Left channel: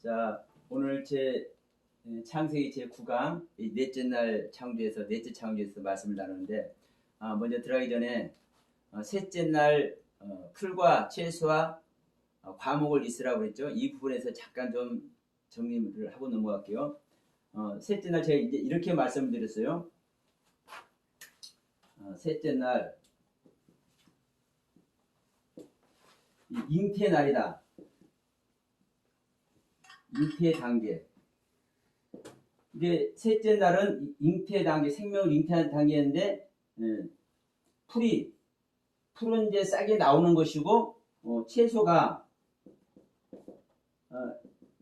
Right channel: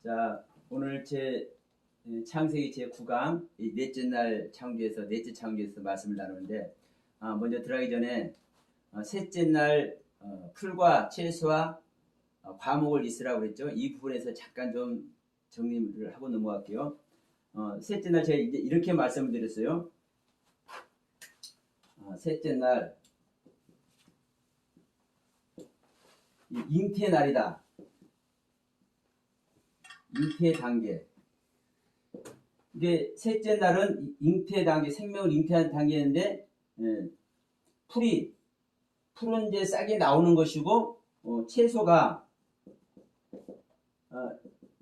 자, 오늘 창세기 제 9강 넷째 날 창조에서 넷째 창조에서 말씀을 나누는데 먼저 들어가기 전에 셋째 날 풀과 채소와 과목을 있으라고 그랬죠. 이 부분에서 잠깐 좀 정리를 하고 넘어갈게요. 셋째 날 제가 이제 이렇게 말씀을 드렸어요. 셋째 날 잉태의 날이다. 잉태 단계. 이게 셋째 날은 잉태 단계, 생명을 잉태하는 단계인데 풀은 이제 싹이 나오는 것이고 채소가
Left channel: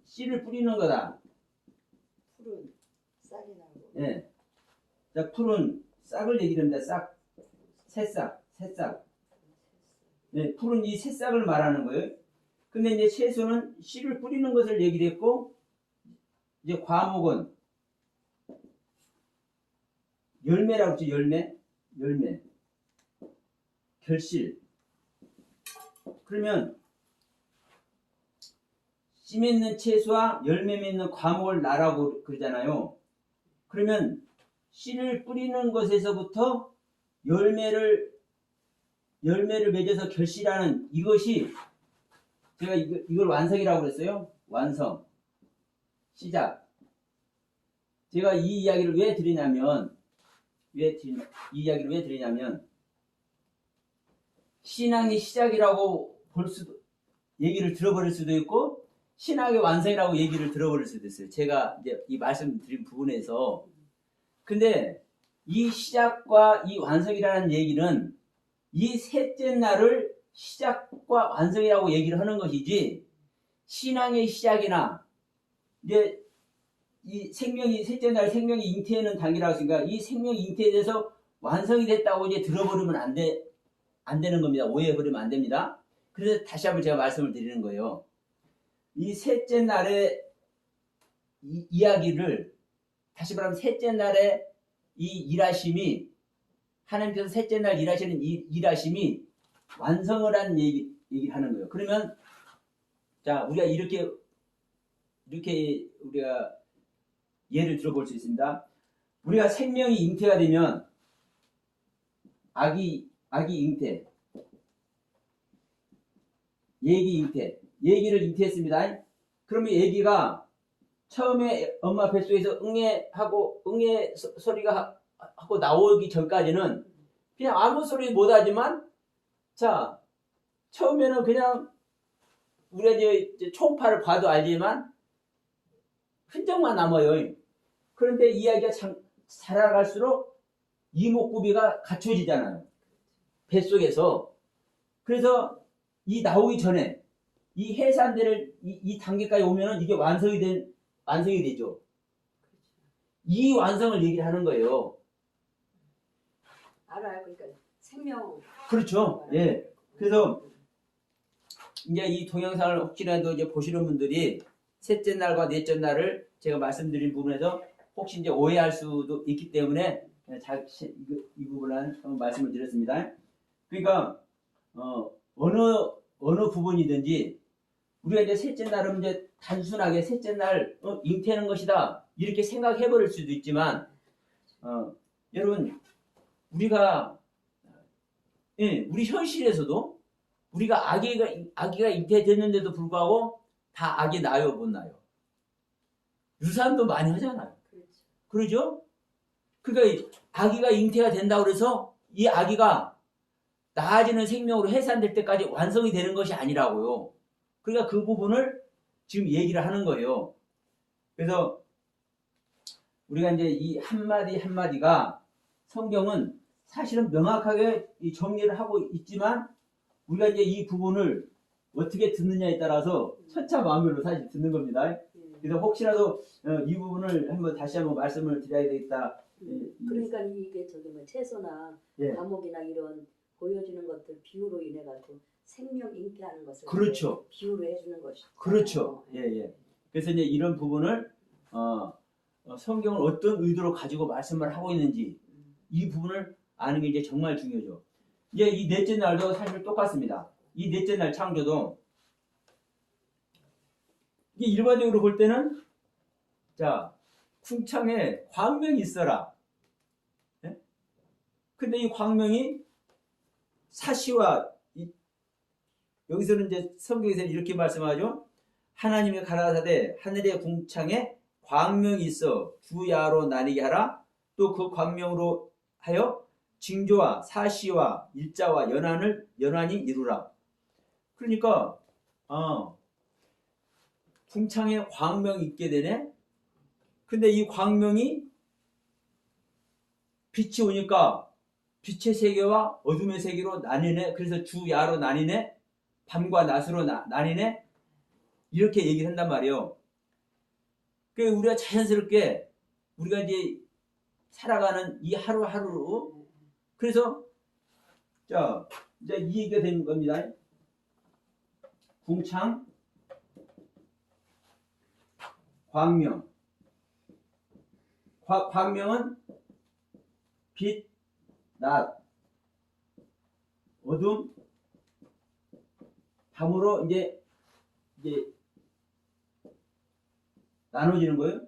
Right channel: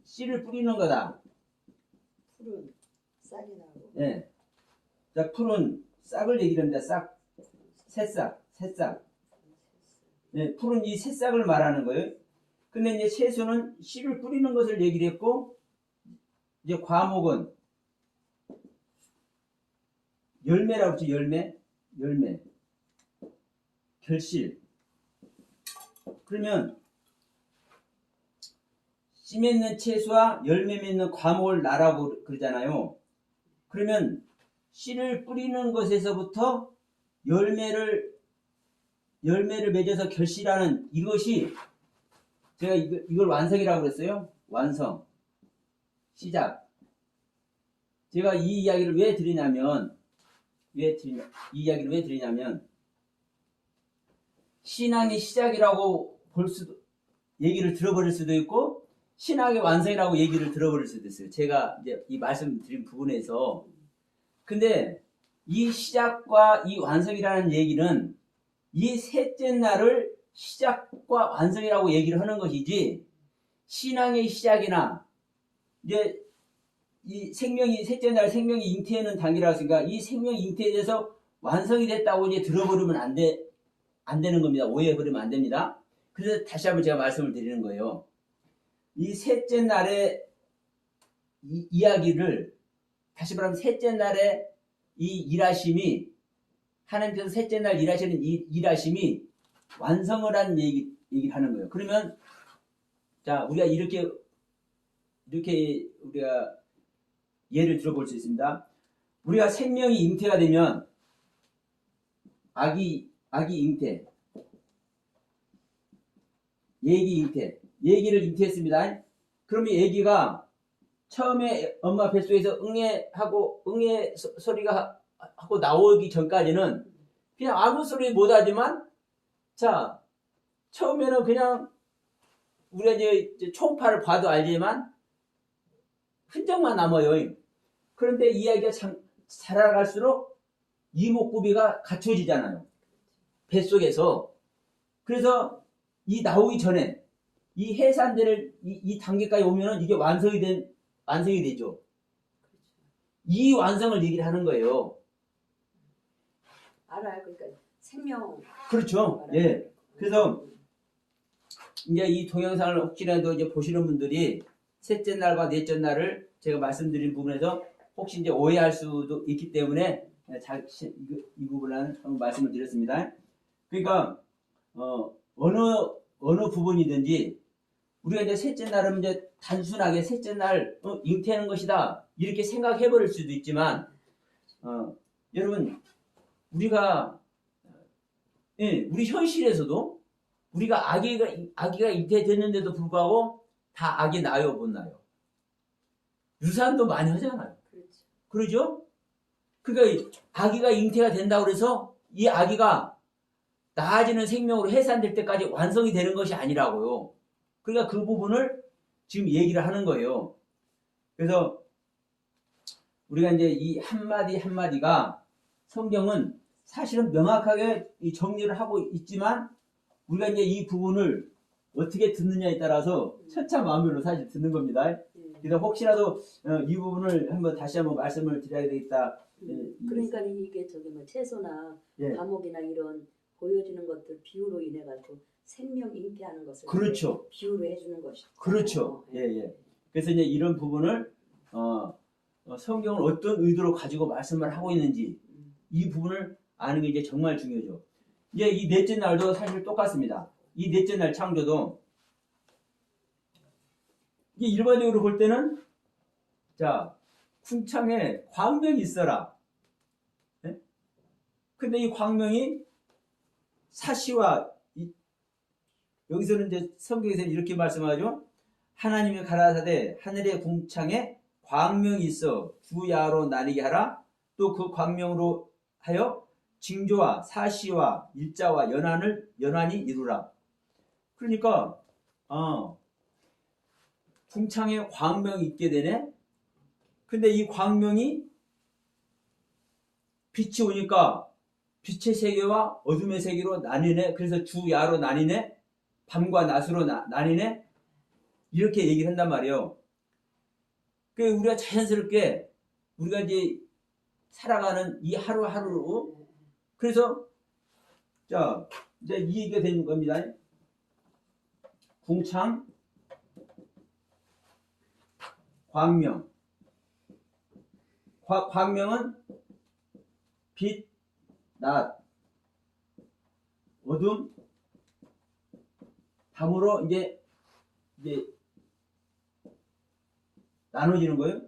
씨를 뿌리는 거다. 풀은 싹이 나고. 예. 자, 풀은 싹을 얘기합니다. 싹, 새싹. 예, 풀은 이 새싹을 말하는 거예요. 근데 이제 채소는 씨를 뿌리는 것을 얘기를 했고, 이제 과목은 열매라고 했죠. 열매. 결실. 그러면 씨 맺는 채소와 열매 맺는 과목을 나라고 그러잖아요. 그러면 씨를 뿌리는 것에서부터 열매를 맺어서 결실하는 이것이 제가 이걸 완성이라고 그랬어요. 완성. 시작. 제가 이 이야기를 왜 드리냐면 신앙의 시작이라고 얘기를 들어버릴 수도 있고 신앙의 완성이라고 얘기를 들어버릴 수도 있어요. 제가 이제 이 말씀드린 부분에서. 근데 이 시작과 이 완성이라는 얘기는 이 셋째 날을 시작과 완성이라고 얘기를 하는 것이지, 신앙의 시작이나 이제 이 셋째 날 생명이 잉태하는 단계라고 했으니까 이 생명이 잉태돼서 완성이 됐다고 이제 들어버리면 안 되는 겁니다. 오해해버리면 안 됩니다. 그래서 다시 한번 제가 말씀을 드리는 거예요. 이 셋째 날의 이야기를 다시 말하면 셋째 날의 이 일하심이, 하나님께서 셋째 날 일하시는 이 일하심이 완성을 한 얘기를 하는 거예요. 그러면 자, 우리가 이렇게 우리가 예를 들어볼 수 있습니다. 우리가 생명이 잉태가 되면 아기 잉태, 얘기를 잉태했습니다. 그러면 얘기가 처음에 엄마 뱃속에서 응애 소리가 하고 나오기 전까지는 그냥 아무 소리 못 하지만, 자, 처음에는 그냥 우리가 이제 초음파를 봐도 알지만 흔적만 남아요. 그런데 이야기가 자라갈수록 이목구비가 갖춰지잖아요. 뱃속에서. 그래서 이 나오기 전에 이 해산대를 이 단계까지 오면은 이게 완성이 되죠. 이 완성을 얘기를 하는 거예요. 알아요. 그러니까 생명. 그렇죠. 예. 그래서 이제 이 동영상을 혹시라도 이제 보시는 분들이 셋째 날과 넷째 날을 제가 말씀드린 부분에서 혹시 이제 오해할 수도 있기 때문에 이 부분은 말씀을 드렸습니다. 그러니까 어느 부분이든지 우리가 이제 셋째 날은 이제 단순하게 셋째 날 잉태하는 것이다 이렇게 생각해 버릴 수도 있지만, 여러분 우리가 우리 현실에서도 우리가 아기가 잉태됐는데도 불구하고 다 아기 낳아요, 못 낳아요? 유산도 많이 하잖아요. 그러죠? 그러니까 아기가 잉태가 된다고 그래서 이 아기가 나아지는 생명으로 해산될 때까지 완성이 되는 것이 아니라고요. 그러니까 그 부분을 지금 얘기를 하는 거예요. 그래서 우리가 이제 이 한마디 한마디가 성경은 사실은 명확하게 정리를 하고 있지만 우리가 이제 이 부분을 어떻게 듣느냐에 따라서 천차만별로 사실 듣는 겁니다. 그래서 혹시라도 이 부분을 다시 한번 말씀을 드려야 되겠다. 그러니까 이게 채소나 과목이나 이런 보여주는 것들 비유로 인해 가지고 생명 잉태하는 것을 그렇죠. 비유로 해주는 것이죠. 그렇죠. 예. 그래서 이제 이런 부분을 성경을 어떤 의도로 가지고 말씀을 하고 있는지 이 부분을 아는 게 이제 정말 중요하죠. 이제 이 넷째 날도 사실 똑같습니다. 이 넷째 날 창조도 이게 일반적으로 볼 때는 자 궁창에 광명이 있어라. 예? 근데 이 광명이 사시와 여기서는 이제 성경에서 이렇게 말씀하죠. 하나님이 가라사대 하늘의 궁창에 광명이 있어 주야로 나뉘게 하라. 또 그 광명으로 하여 징조와 사시와 일자와 연한이 이루라. 그러니까 궁창에 광명이 있게 되네. 근데 이 광명이 빛이 오니까 빛의 세계와 어둠의 세계로 나뉘네. 그래서 주야로 나뉘네. 밤과 낮으로 나뉘네. 이렇게 얘기를 한단 말이에요. 그러니까 우리가 자연스럽게 우리가 이제 살아가는 이 하루하루 그래서 자 이제 이 얘기가 되는 겁니다. 궁창 광명 광명은 빛, 낮, 어둠, 밤으로 이제 나눠지는 거예요.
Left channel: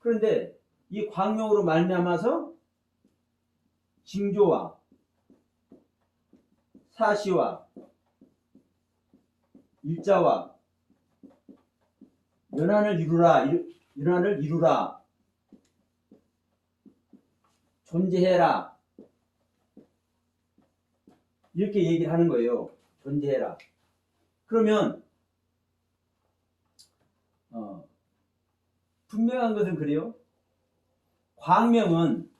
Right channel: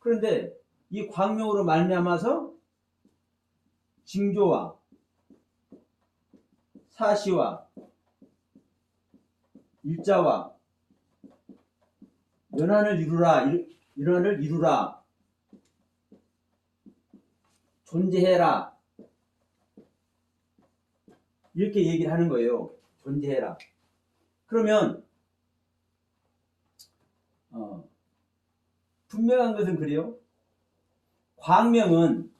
그런데 이 광명으로 말미암아서 징조와 사시와 일자와 연한을 이루라. 존재해라. 이렇게 얘기를 하는 거예요. 존재해라. 그러면 분명한 것은 그래요. 광명은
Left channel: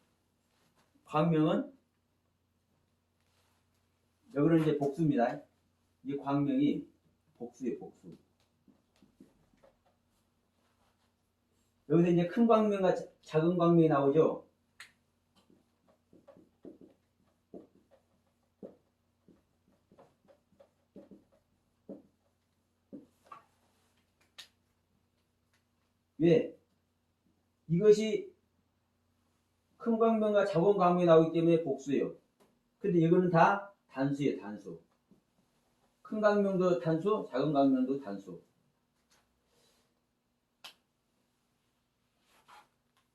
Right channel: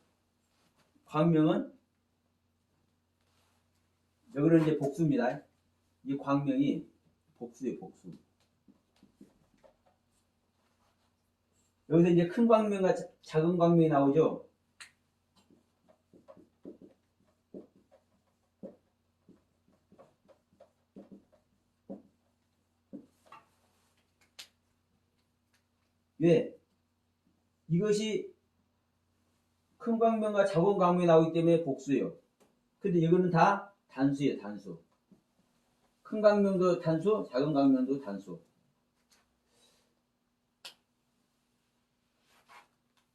여기는 이제 복수입니다. 이 광명이 복수예요, 복수. 여기서 이제 큰 광명과 작은 광명이 나오죠. 왜? 이것이 큰 광명과 작은 광명이 나오기 때문에 복수예요. 근데 이거는 다 단수예요, 단수. 큰 광명도 단수, 작은 광명도 단수.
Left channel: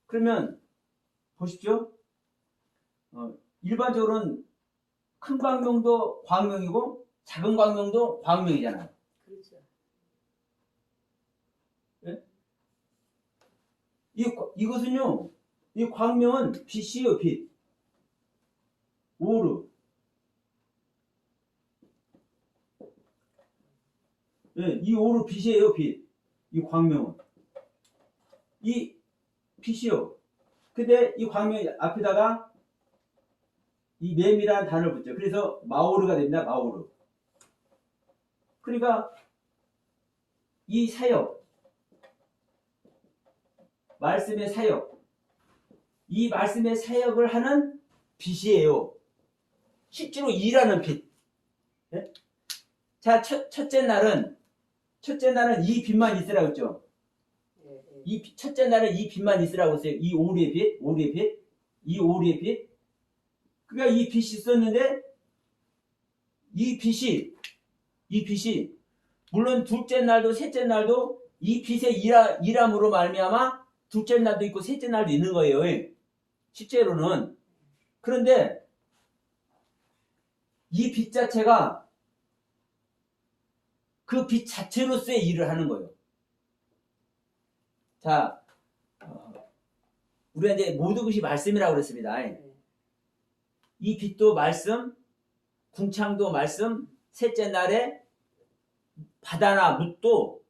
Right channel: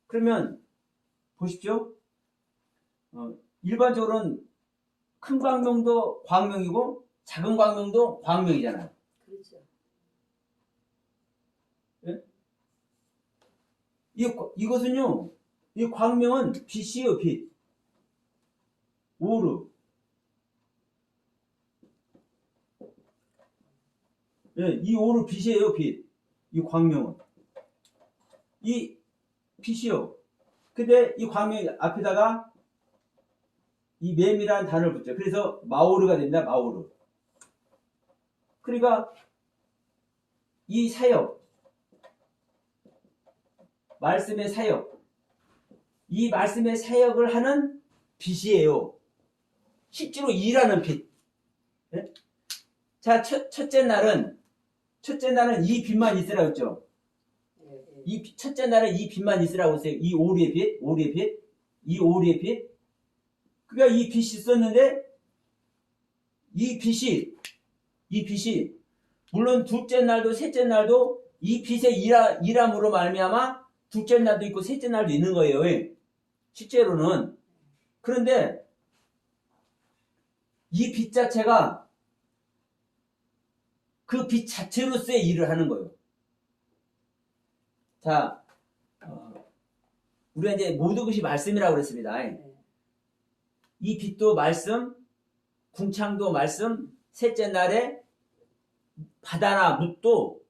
그러면 보십시오. 일반적으로는 큰 광명도 광명이고 작은 광명도 광명이잖아요. 그렇죠. 네? 이것은요, 이 광명은 빛이에요, 빛. 오르. 네, 이 오르 빛이에요, 빛. 이 광명은. 이 빛이요. 근데 이 광명 앞에다가 이 맴이라는 단어를 붙죠. 그래서 마오르가 됩니다. 마오르. 그러니까 이 사역, 말씀의 사역, 이 말씀의 사역을 하는 빛이에요. 실제로 일하는 빛. 네? 자, 첫째 날은 이 빛만 있으라고 했죠. 첫째 날은 이 빛만 있으라고 했어요. 이 오리의 빛, 이 오리의 빛. 그러니까 이 빛이 있었는데 이 빛이 물론 둘째 날도 셋째 날도 이 빛의 일함으로 말미암아 둘째 날도 있고 셋째 날도 있는 거예요. 실제로는. 그런데 이 빛 자체가 그 빛 자체로서의 일을 하는 거예요. 자, 우리가 이제 모든 것이 말씀이라고 그랬습니다. 이 빛도 말씀, 궁창도 말씀, 셋째 날에 바다나 묻도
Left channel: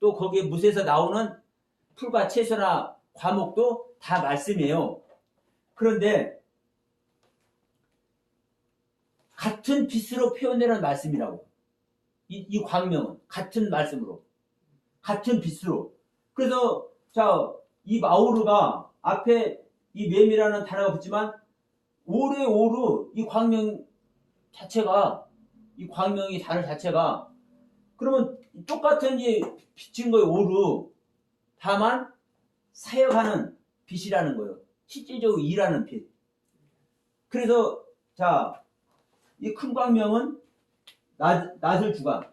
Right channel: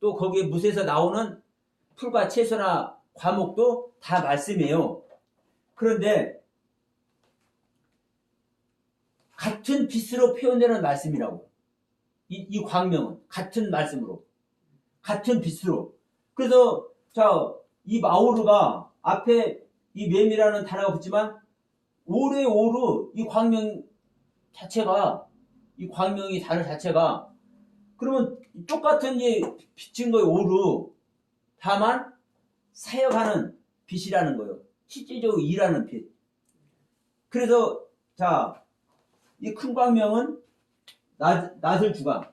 또 거기에 묻에서 나오는 풀과 채소나 과목도 다 말씀이에요. 그런데 같은 빛으로 표현되는 말씀이라고. 이 광명은 같은 말씀으로, 같은 빛으로. 그래서 자, 이 마오르가 앞에 이 맴이라는 단어가 붙지만 오르 이 광명 자체가 이 광명이 단어 자체가 그러면 똑같은 이 빛인 거예요. 오르. 다만 사역하는 빛이라는 거예요. 실질적으로 일하는 빛. 그래서 자, 이 큰 광명은 낮을 주간.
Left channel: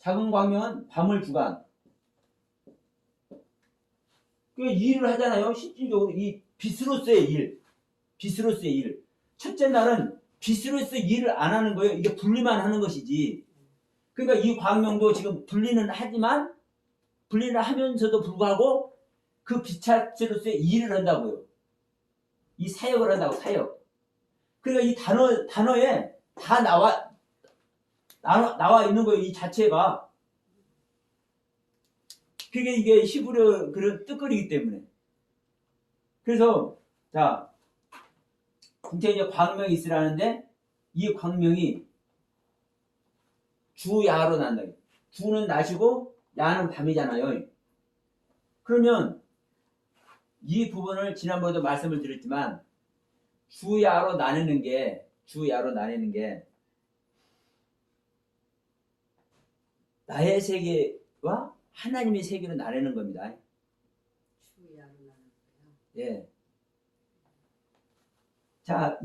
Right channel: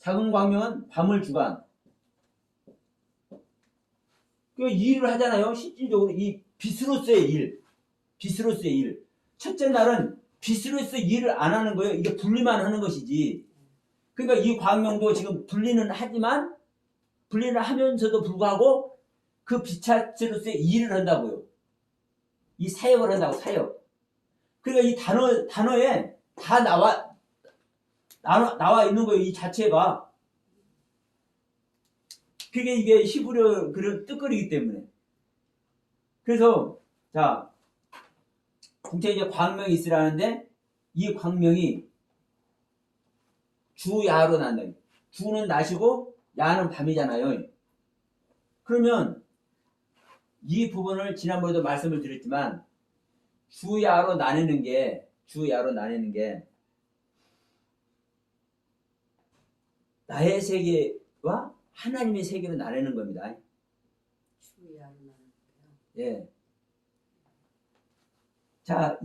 작은 광명은 밤을 주관. 그 일을 하잖아요. 실질적으로 이 빛으로서의 일. 빛으로서의 일. 첫째 날은 빛으로서 일을 안 하는 거예요. 이게 분리만 하는 것이지. 그러니까 이 광명도 지금 분리는 하지만 분리를 하면서도 불구하고 그 빛자체로서의 일을 한다고요. 이 사역을 한다고, 사역. 그러니까 이 단어에 다 나와 있는 거예요. 이 자체가. 그게 이게 히브리어 그런 뜻거리이기 때문에. 그래서, 자, 국제 이제 광명이 있으라는데, 이 광명이 주, 야로 난다. 주는 낮이고, 야는 밤이잖아요. 그러면, 이 부분을 지난번에도 말씀을 드렸지만, 주, 야로 나뉘는 게, 나의 세계와 하나님의 세계로 나뉘는 겁니다. 주야로 나누는 거요. 예. 자,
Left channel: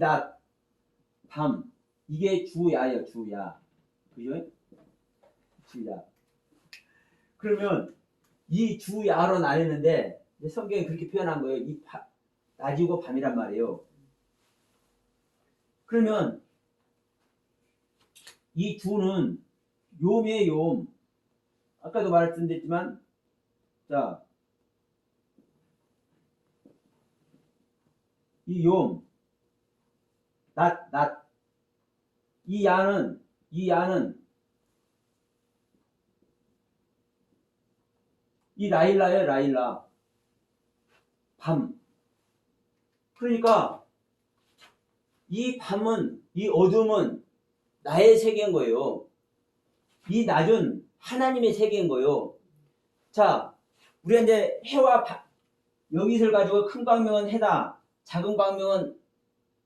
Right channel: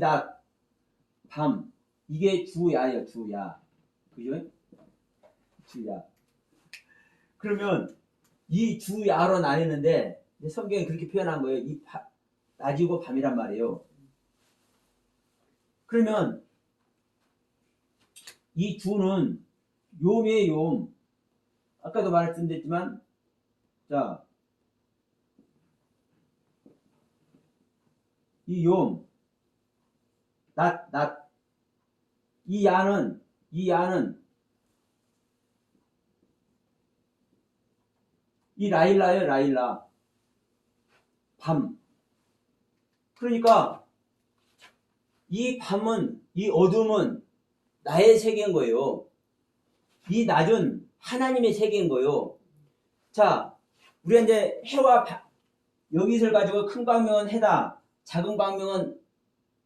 낮, 밤, 이게 주야예요, 주야. 그죠? 주야. 그러면 이 주야로 나뉘는데 성경에 그렇게 표현한 거예요. 낮이고 밤이란 말이에요. 그러면 이 주는 요의 요. 아까도 말씀드렸지만, 자, 이 요, 낮. 이 야는 이 라일라예요, 라일라. 밤. 그러니까 이 밤은, 이 어둠은 나의 세계인 거예요. 이 낮은 하나님의 세계인 거예요. 자, 우리가 이제 해와 여기서를 가지고 큰 광명은 해다, 작은 광명은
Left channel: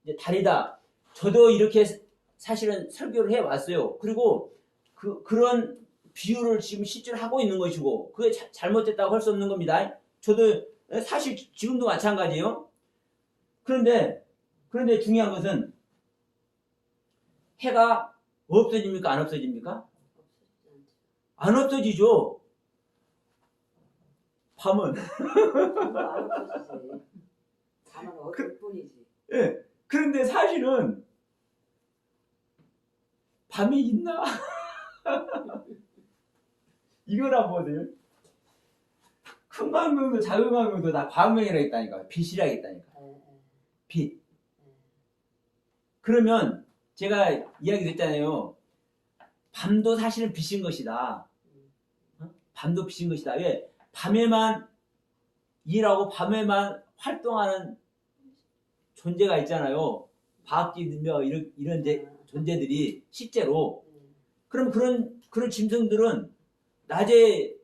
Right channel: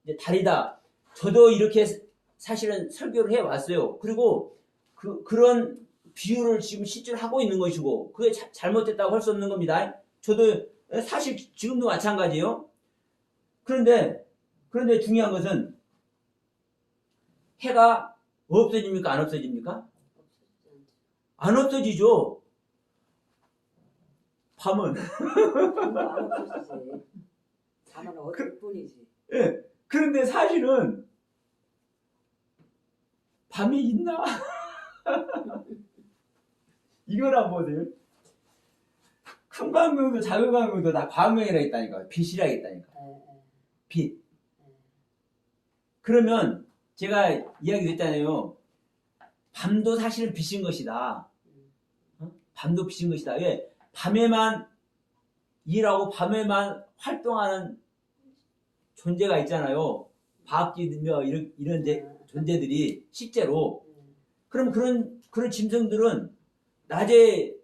이제 달이다. 저도 이렇게 사실은 설교를 해왔어요. 그리고 그런 비유를 지금 실제로 하고 있는 것이고, 그게 잘못됐다고 할 수 없는 겁니다. 저도 사실 지금도 마찬가지예요. 그런데 중요한 것은 해가 없어집니까? 안 없어집니까? 안 없어지죠. 밤은. 다만 어쩔 뿐이지. 예. 그런데 사실은 밤이 있나? 이거라 보세요. 큰 광명도 작은 광명도 다 광명이라 했다니까. 빛이라 했다니까. 빛. 그러면 제가 이야기 했잖아요. 밤도 사실은 빛인 것이다. 밤도 빛인 것이다. 왜? 밤에만 일하고 밤에만 활동하는 존재가 있잖아요. 과학기며 이런 존재들이 실제로. 그럼 그런 짐승들은 낮에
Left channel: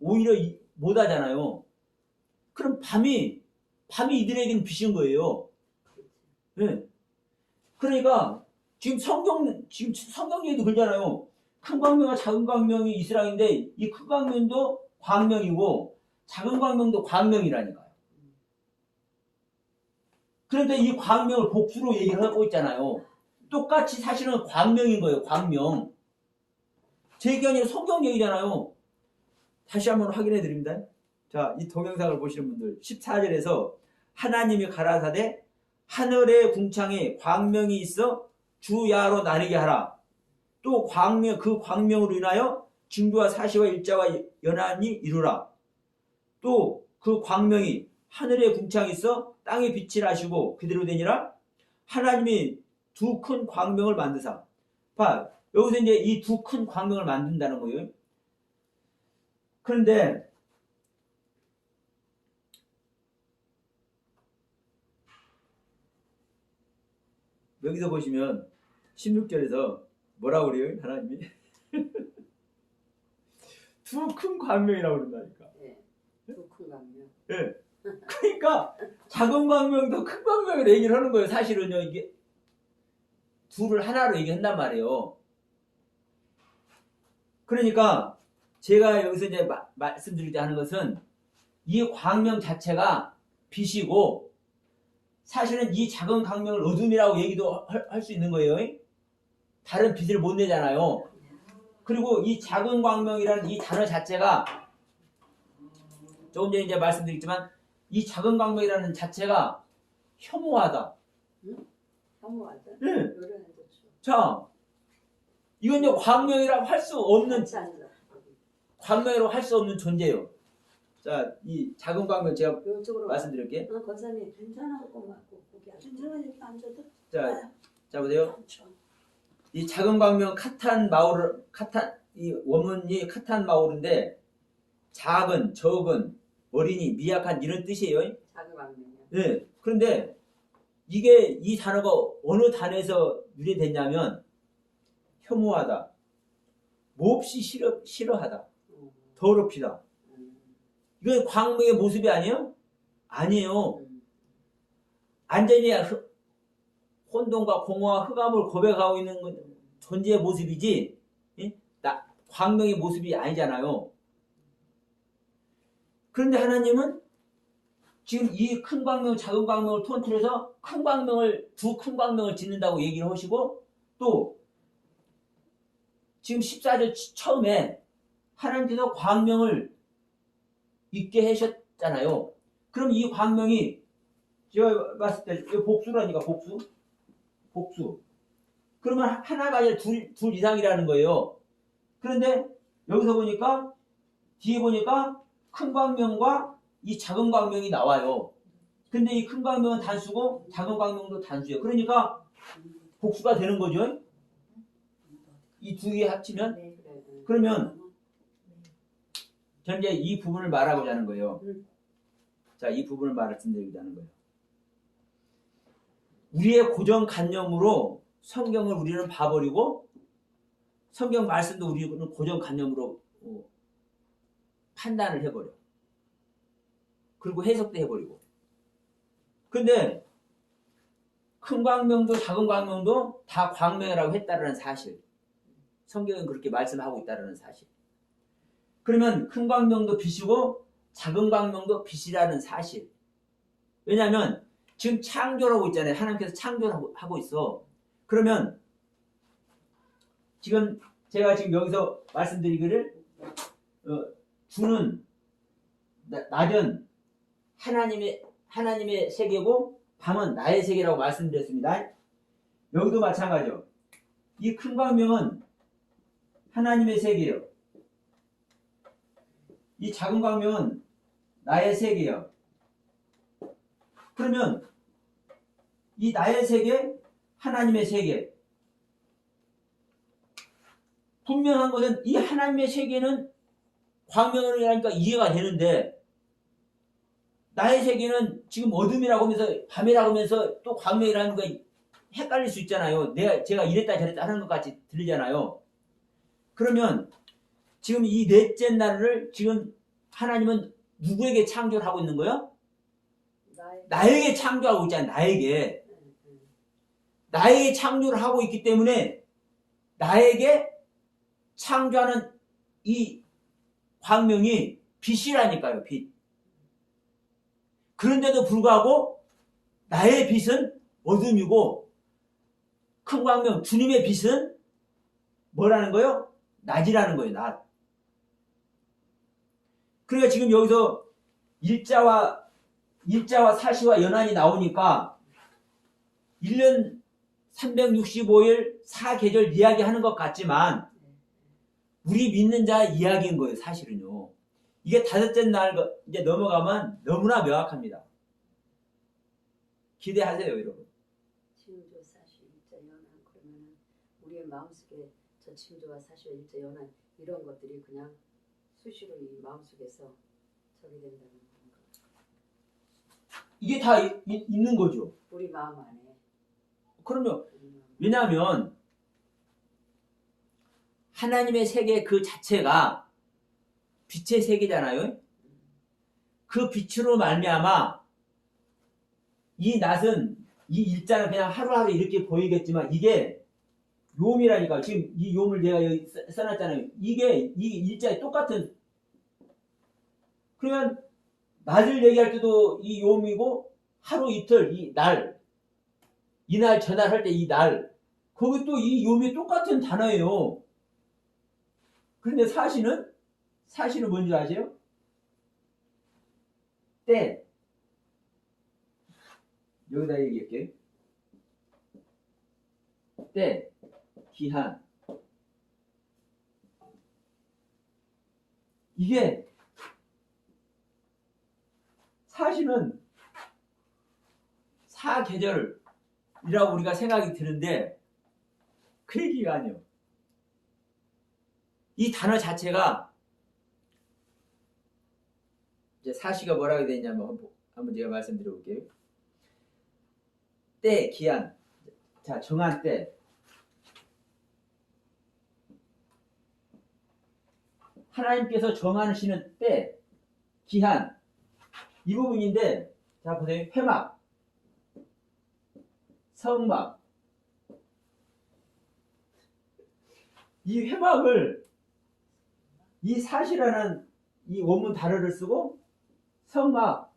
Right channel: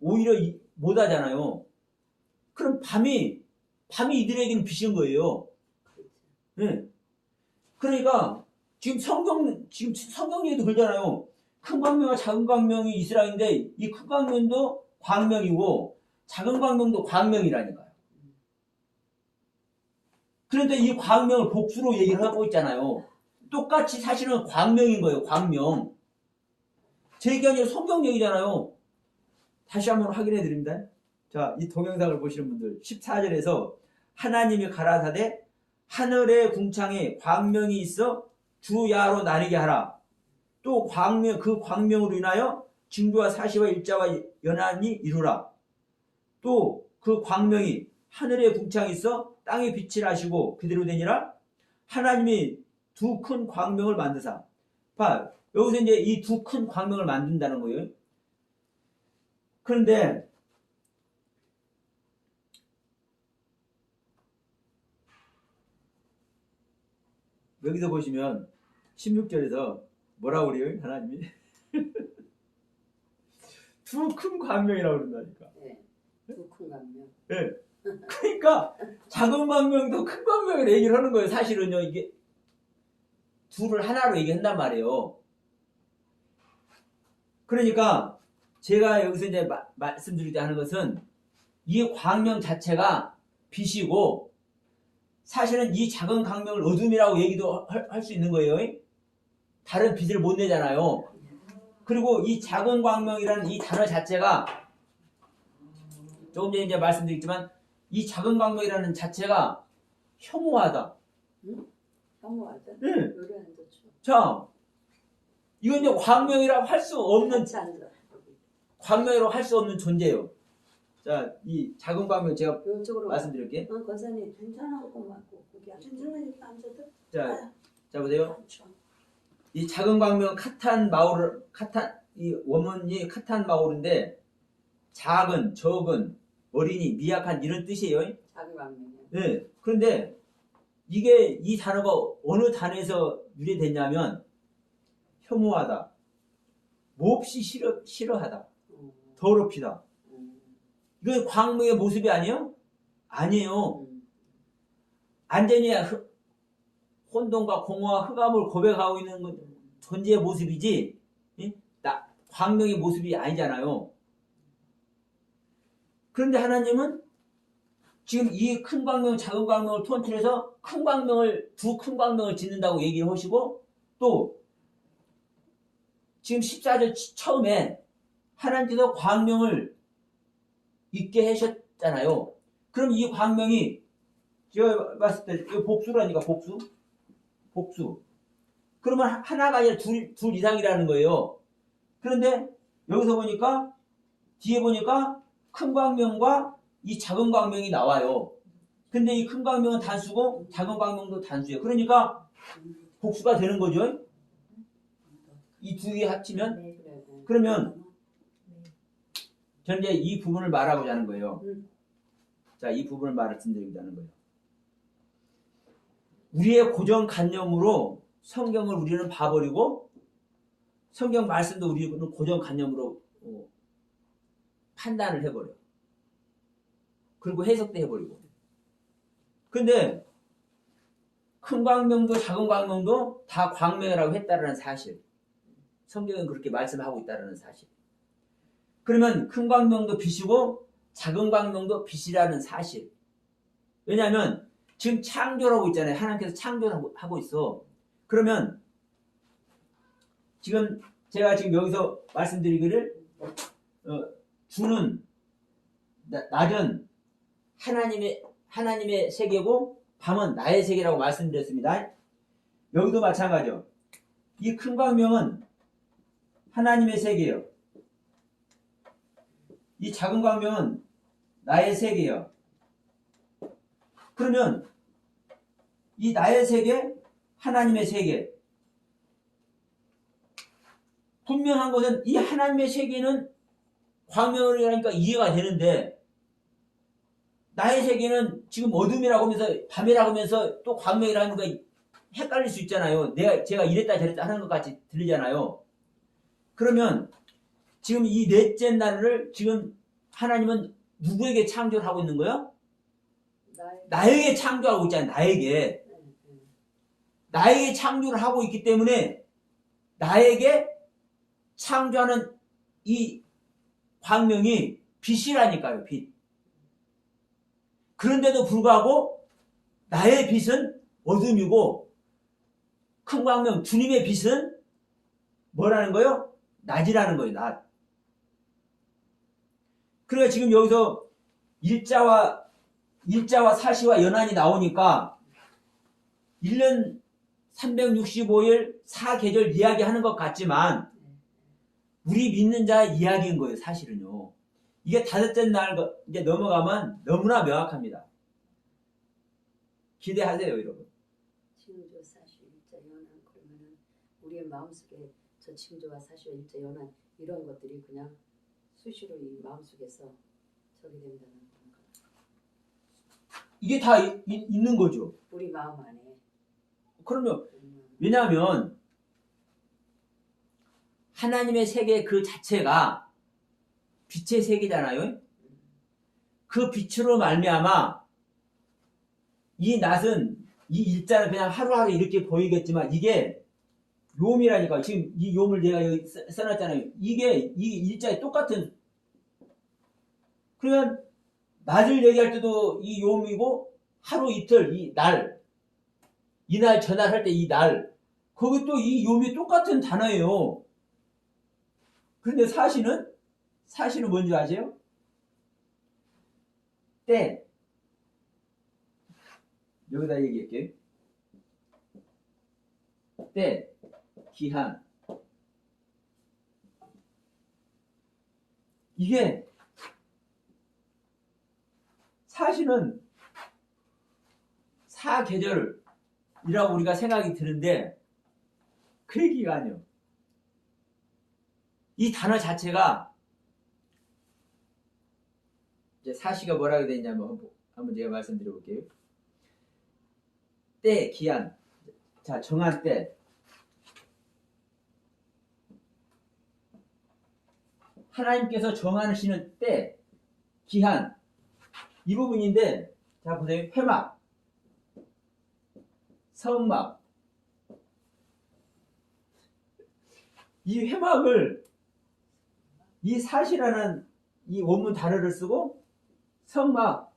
오히려 못 하잖아요. 그럼 밤이 이들에게는 빛인 거예요. 네. 그러니까 지금 성경에도 그러잖아요. 큰 광명과 작은 광명이 이스라엘인데 이 큰 광명도 광명이고 작은 광명도 광명이라니까요. 그런데 이 광명을 복수로 얘기를 하고 있잖아요. 똑같이 사실은 광명인 거예요. 광명. 제 얘기가 아니라 성경 얘기잖아요. 다시 한번 확인해 드립니다. 자, 이 동영상을 보시는 분들 14절에서 하나님이 가라사대 하늘의 궁창에 광명이 있어 주야로 나뉘게 하라. 또 그 광명으로 인하여 징조와 사시와 일자와 연한이 이루라. 또 그 광명이 하늘의 궁창에 있어 땅에 빛을 하시고 그대로 되니라. 하나님이 두 큰 광명을 만드사. 봐, 여기서 이제 이 두 큰 광명을 만든다는 거예요. 그런데 여기서 보시면 16절에서 뭐라고 그래요? 하나님이 두 큰 광명이라고 그런다니까. 네, 두 큰 광명. 네. 그러니까 작은 광명도 큰 광명을 얘기를 하는 거예요. 사실은요. 이게 둘을 하나로 얘기한단 말이에요. 그러니까 제가 여기서 이제 말씀드리자 하는 것은 이 광명 자체가 빛이고 사실은 이 작은 광명을 어둠이라고 얘기도 할 수 있는 거예요. 다른 빛을 못 내잖아요. 그리고 이 작은 광명이라는 이 단어 자체가 조금 전에 이제 말씀드렸지만 이 작은 광명이라는 자체가 혐오하다. 혐오하다. 응. 노래 안 좋죠. 자, 이건 이제 광명이라고 할 수 없는 같이 앉아. 광명이라고 할 수 없는 존재예요. 자, 이 작은 광명 제가 이쪽으로. 말씀드릴게. 권사님 괜찮아하고 맞고 괜찮아 이렇게 앉아도. 자 보세요. 이 작은 광명 카탄 마오르 이 원문이 카탄 마오르인데 작은, 적은, 어린이, 미약한 이런 뜻이에요. 작은 광명이요. 네. 그런데 이게 이 단어가 어느 단어에서 유래됐냐면 혐오하다, 몹시 싫어하다, 더럽히다. 이게 광명의 모습이 아니에요? 아니에요. 완전히 혼돈과 공허와 흑암을 고백하고 있는 존재의 모습이지 광명의 모습이 아니잖아요. 그런데 하나님은 지금 이 큰 광명, 작은 광명을 통틀어서 두 큰 광명을 짓는다고 얘기를 하시고 또 지금 14절 처음에 하나님께서 광명을 있게 하셨잖아요. 그럼 이 광명이 제가 봤을 때 이거 복수라니까 복수. 그러면 하나가 아니라 둘 이상이라는 거예요. 그런데 여기서 보니까 뒤에 보니까 큰 광명과 이 작은 광명이 나와요. 근데 이 큰 광명은 단수고 작은 광명도 단수예요. 그러니까 복수가 되는 거죠. 이 두 개 합치면 그러면 현재 이 부분을 말하고자 하는 거예요. 자, 이 부분을 말씀드리자는 거예요. 우리의 고정관념으로 성경을 우리는 봐버리고 성경 말씀도 우리는 고정관념으로 판단을 해버려. 그리고 해석도 해버리고. 근데 큰 광명도 작은 광명도 다 광명이라고 했다는 사실. 성경은 그렇게 말씀하고 있다는 사실. 그러면 큰 광명도 빛이고 작은 광명도 빛이라는 사실. 왜냐하면 지금 창조라고 있잖아요. 하나님께서 창조하고 있어. 그러면 지금 제가 지금 여기서 말씀드리기를 주는 낮은 하나님의 세계고 밤은 나의 세계라고 말씀드렸습니다. 여기도 마찬가지요. 이 큰 광명은 하나님의 세계예요. 이 작은 광명은 나의 세계예요. 그러면 이 나의 세계, 하나님의 세계. 분명한 것은 이 하나님의 세계는 광명이라니까 이해가 되는데 나의 세계는 지금 어둠이라고 하면서 밤이라고 하면서 또 광명이라는 거 헷갈릴 수 있잖아요. 제가 이랬다 저랬다 하는 것 같이 들리잖아요. 그러면 지금 이 넷째 날을 지금 하나님은 누구에게 창조를 하고 있는 거예요? 나에게 창조하고 있잖아요. 나에게 창조를 하고 있기 때문에 나에게 창조하는 이 광명이 빛이라니까요. 빛. 그런데도 불구하고 나의 빛은 어둠이고 큰 광명 주님의 빛은 뭐라는 거예요? 낮이라는 거예요. 낮. 그러니까 지금 여기서 일자와 사시와 연한이 나오니까 1년 365일 4계절 이야기하는 것 같지만 우리 믿는 자 이야기인 거예요. 사실은요. 이게 다섯째 날 이제 넘어가면 너무나 명확합니다. 기대하세요, 여러분. 징조 사실 일자 연한 그러면은 우리의 마음속에 저 징조와 사실 일자 연한 이런 것들이 그냥 수시로 이 마음속에서 저기 된다는 건가? 이게 다 있는 거죠. 우리 마음 안에. 그럼요. 왜냐하면 하나님의 세계 그 자체가 빛의 세계잖아요. 그 빛으로 말미암아 이 낮은 이 일자는 그냥 하루하루 이렇게 보이겠지만 이게 요음이라니까. 지금 이 요음을 제가 여기 써놨잖아요. 이게 이 일자에 똑같은. 그러면 낮을 얘기할 때도 이 요음이고 하루 이틀 이날 저날 할 때 이 날 그것도 이 요미 똑같은 단어예요. 그런데 사시는 뭔지 아세요? 때. 여기다 얘기할게요. 때, 기한. 이게 사실은 사계절이라고 우리가 생각이 드는데 그 얘기가 아니에요. 이 단어 자체가 이제 사시가 뭐라고 되냐면 한번 제가 말씀드려 볼게요. 때, 기한. 자, 정한 때. 하나님께서 정하시는 때, 기한. 이 부분인데, 자, 보세요. 회막, 성막. 이 회막을, 이 사시라는 이 원문 단어를 쓰고, 성막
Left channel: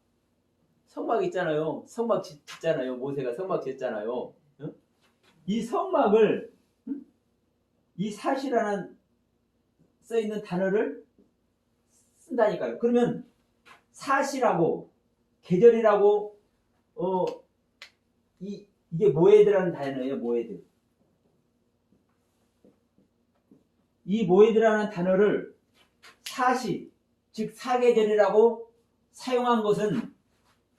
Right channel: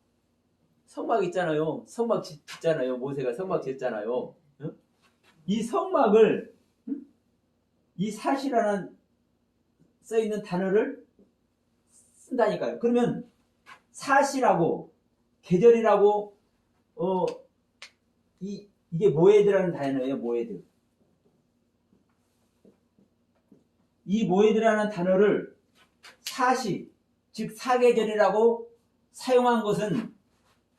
있잖아요. 성막 짓잖아요. 모세가 성막 짓잖아요. 응? 이 성막을, 응? 이 사시라는 써있는 단어를 쓴다니까요. 그러면 사시라고, 계절이라고, 이게 모에드라는 단어예요. 모에드. 이 모에드라는 단어를 사시, 즉 사계절이라고 사용한 것은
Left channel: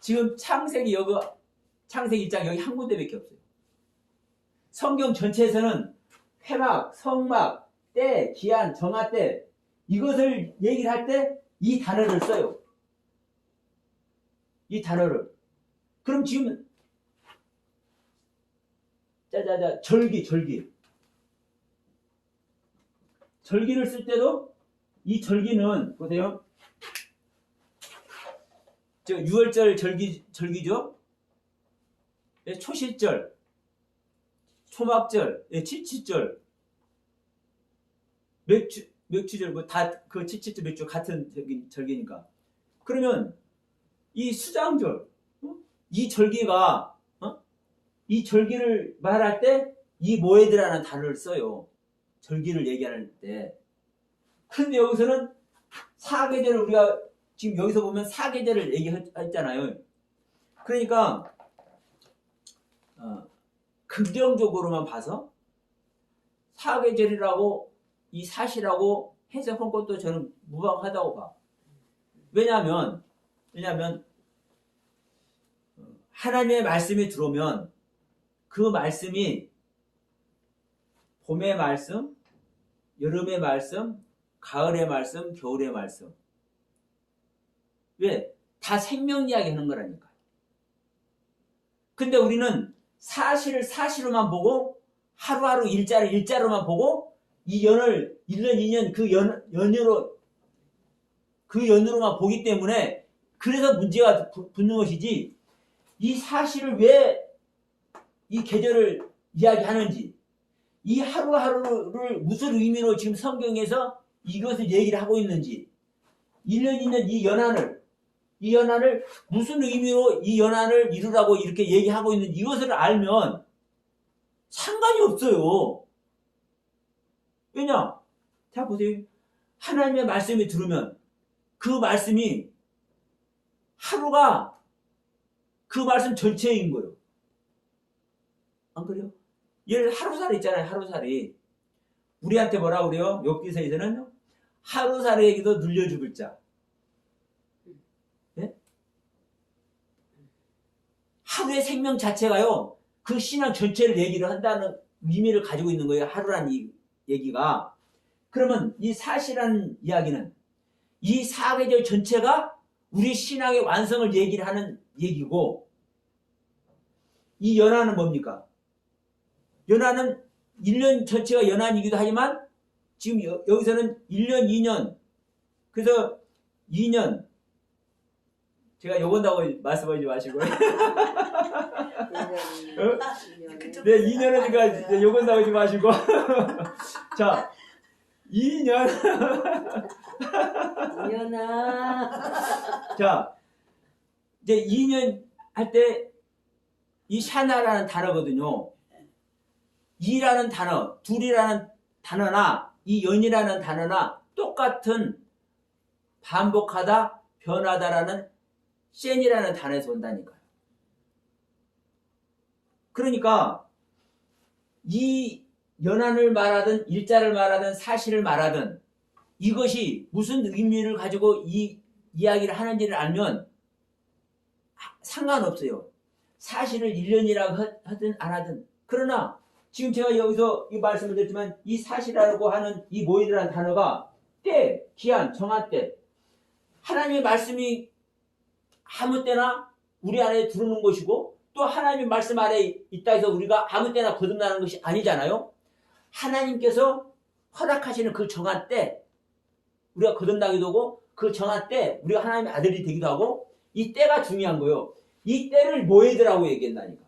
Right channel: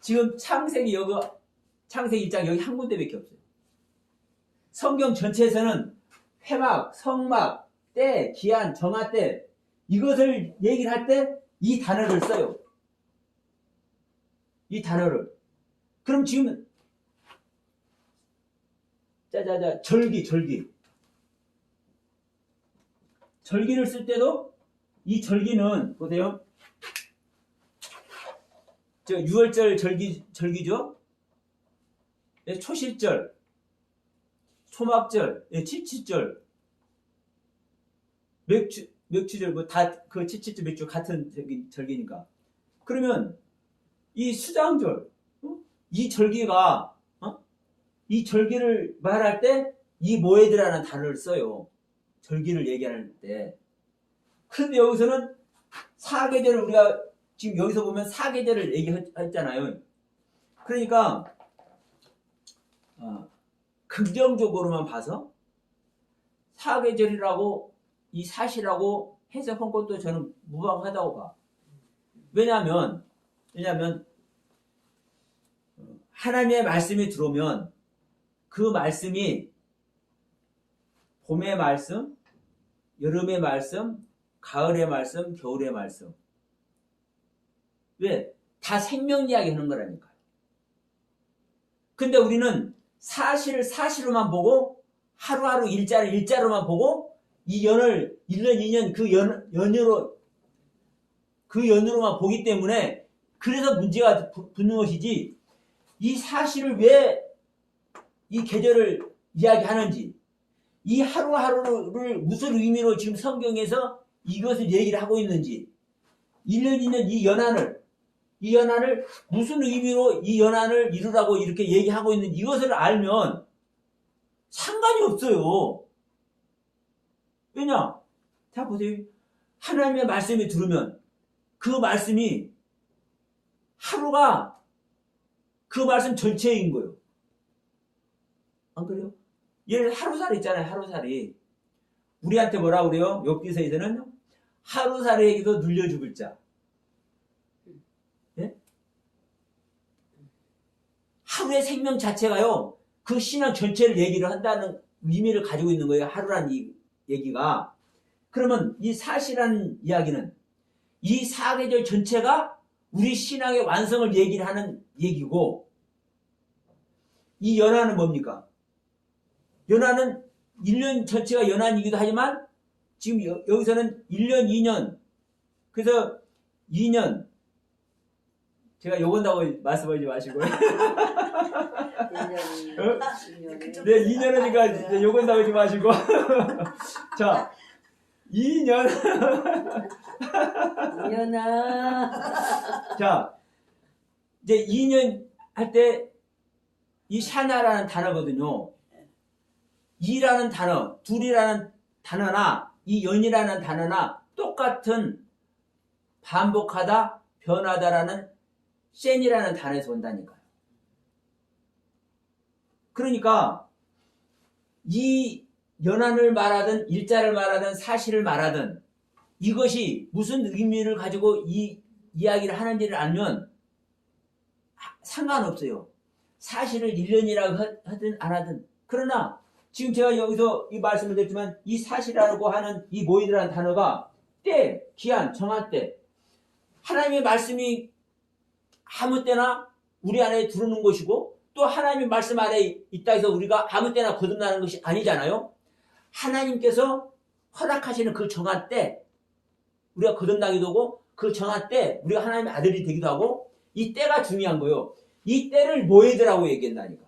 지금 창세기 1장 여기 한 군데밖에 없어요. 성경 전체에서는 회막, 성막, 때, 기한, 정하 때 이것을 얘기를 할 때 이 단어를 써요. 이 단어를. 그럼 지금 절기를 쓸 때도 이 절기는 보세요. 저 6월절 절기죠. 초실절, 초막절, 칠칠절, 맥주절 뭐 다 그 칠칠절 맥주 같은 절기니까. 그러면 이 수장절, 이 절기가 이 절기를 말할 때 이 모에드라는 단어를 써요. 절기를 얘기할 때. 그런데 여기서는 사계절을 우리가 지금 여기서 보면 사계절을 얘기했잖아요. 그러니까 긍정적으로만 봐서 사계절이라고 이 사시라고 해석한 것도 저는 무방하다고 봐. 왜냐하면 하나님의 말씀이 들어오면 그 말씀이 봄의 말씀, 여름의 말씀, 가을의 말씀, 겨울의 말씀. 왜? 다 생명 이야기 하는 거라니까. 근데 우리는 사실을 사실로만 보고 하루하루 일자를 일자로만 보고 이 연을 1년, 2년 그 연으로만 보기 때문에 그래서 문제가 붙는 것이지 이 사실을 왜 이 계절을 이야기하는지 이 하루하루를 무슨 의미로 지금 성경에서 이것을 얘기를 하고 있는지 1년, 2년 이 연한을 무슨 의미로 이 연한을 이루라고 이렇게 얘기하고 있는지 이것을 알면 상관이 없어요. 왜냐? 자 보세요. 하나님의 말씀이 들으면 그 말씀이 하루가 그 말씀 전체인 거예요. 안 그래요? 예를 하루살이 있잖아요. 하루살이. 우리한테 뭐라 그래요? 욥기서에서는 하루살이에게도 눌려 죽을 자. 네? 하루의 생명 자체가요. 그 신앙 전체를 얘기를 한다는 의미를 가지고 있는 거예요. 하루란 이 얘기가. 그러면 이 사시라는 이야기는 이 사계절 전체가 우리 신앙의 완성을 얘기를 하는 얘기고 이 연한은 뭡니까? 연한은 1년 전체가 연한이기도 하지만 지금 여기서는 1년, 2년 그래서 2년 제가 요건다고 말씀하지 마시고요. 2년. 네, 2년이니까 요건다고 하지 마시고 자 2년 2년아 자 이제 2년 할 때 이 샤나라는 단어거든요. 이라는 단어, 둘이라는 단어나 이 연이라는 단어나 똑같은 반복하다, 변하다라는 센이라는 단어에서 온다니까요. 그러니까 이 연한을 말하든 일자를 말하든 사실을 말하든 이것이 무슨 의미를 가지고 이 이야기를 하는지를 알면 상관없어요. 사실을 1년이라고 하든 안 하든. 그러나 지금 제가 여기서 이 말씀을 드렸지만 이 사실이라고 하는 이 모이드라는 단어가 때, 기한, 정한 때 하나님의 말씀이 아무 때나 우리 안에 들어오는 것이고 또 하나님의 말씀 안에 있다 해서 우리가 아무 때나 거듭나는 것이 아니잖아요. 하나님께서 허락하시는 그 정한 때 우리가 거듭나기도 하고 그 정한 때 우리가 하나님의 아들이 되기도 하고 이 때가 중요한 거예요. 이 때를 모에드라고 얘기한다니까.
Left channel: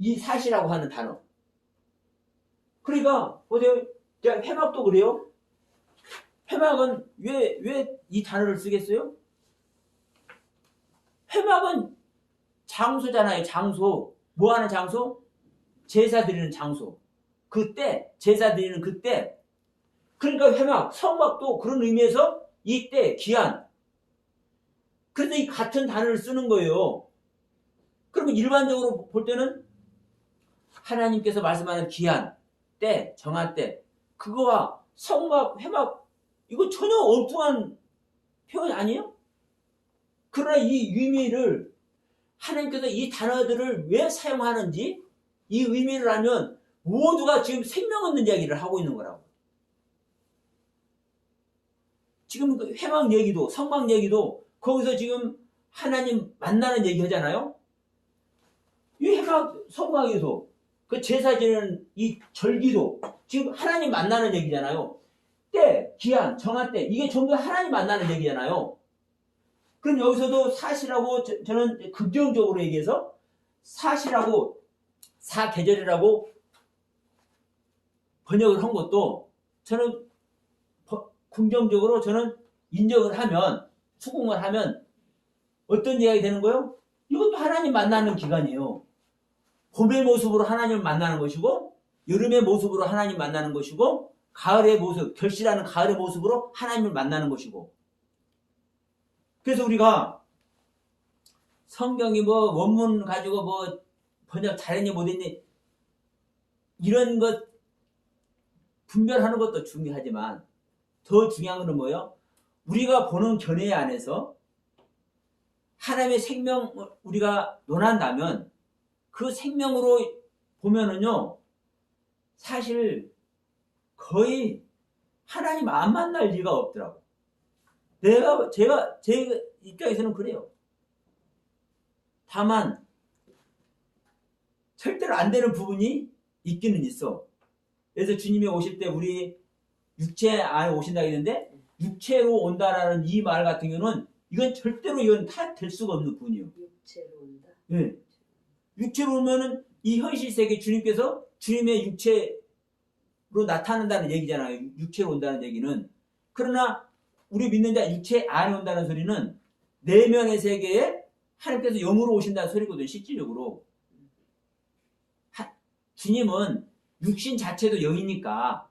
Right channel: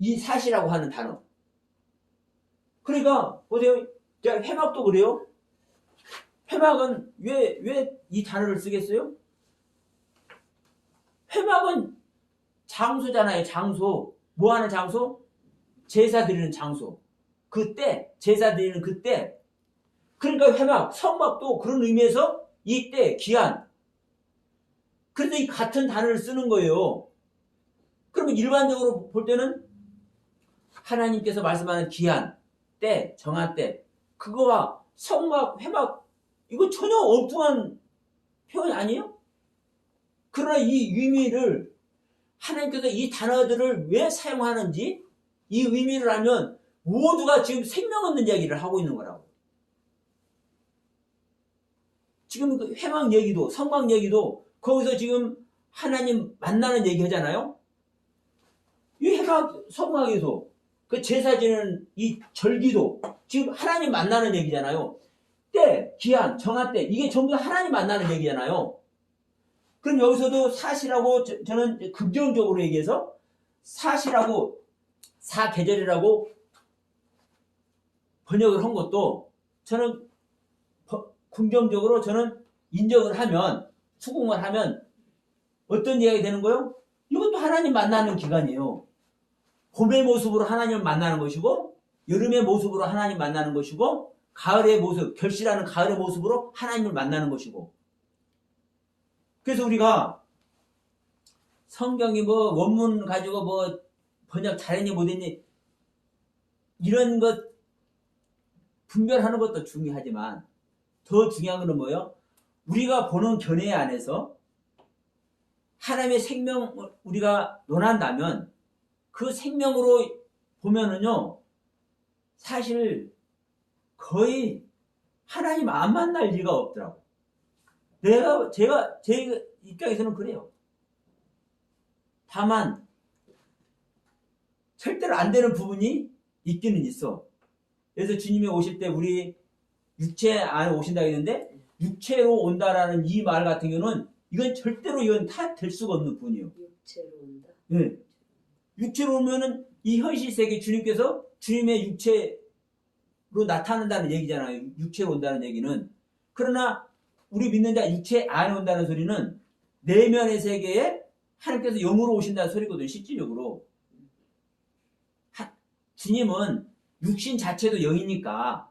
이 사시라고 하는 단어. 그러니까 보세요. 회막도 그래요. 회막은 왜 이 단어를 쓰겠어요? 회막은 장소잖아요. 장소. 뭐 하는 장소? 제사 드리는 장소. 그때 제사 드리는 그때. 그러니까 회막, 성막도 그런 의미에서 이때 기한. 그래서 이 같은 단어를 쓰는 거예요. 그러면 일반적으로 볼 때는 하나님께서 말씀하는 기한, 때, 정한 때 그거와 성막, 회막 이거 전혀 엉뚱한 표현이 아니에요? 그러나 이 의미를 하나님께서 이 단어들을 왜 사용하는지 이 의미를 알면 모두가 지금 생명 없는 이야기를 하고 있는 거라고. 지금 그 회막 얘기도 성막 얘기도 거기서 지금 하나님 만나는 얘기 하잖아요. 이 회막 성막에서 그 제사 지내는 이 절기도 지금 하나님 만나는 얘기잖아요. 때, 기한, 정한 때 이게 전부 하나님 만나는 얘기잖아요. 그럼 여기서도 사시라고 저는 긍정적으로 얘기해서 사시라고 사계절이라고 번역을 한 것도 저는 긍정적으로 저는 인정을 하면 수긍을 하면 어떤 이야기 되는 거예요? 이것도 하나님 만나는 기간이에요. 봄의 모습으로 하나님을 만나는 것이고 여름의 모습으로 하나님 만나는 것이고 가을의 모습, 결실하는 가을의 모습으로 하나님을 만나는 것이고 그래서 우리가 성경이 뭐 원문 가지고 뭐 번역 잘했니 못했니 이런 것 분별하는 것도 중요하지만 더 중요한 건 뭐예요? 우리가 보는 견해 안에서 하나님의 생명을 우리가 논한다면 그 생명으로 보면은요 사실 거의 하나님 안 만날 리가 없더라고. 제 입장에서는 그래요. 다만 절대로 안 되는 부분이 있기는 있어. 그래서 주님이 오실 때 우리 육체 안에 오신다고 했는데 육체로 온다라는 이 말 같은 경우는 이건 절대로 이건 다 될 수가 없는 부분이에요. 육체로 온다. 네. 육체로 오면은 이 현실 세계 주님께서 주님의 육체로 나타난다는 얘기잖아요. 육체로 온다는 얘기는. 그러나 우리 믿는 자 육체 안에 온다는 소리는 내면의 세계에 하나님께서 영으로 오신다는 소리거든요. 실질적으로. 주님은 육신 자체도 영이니까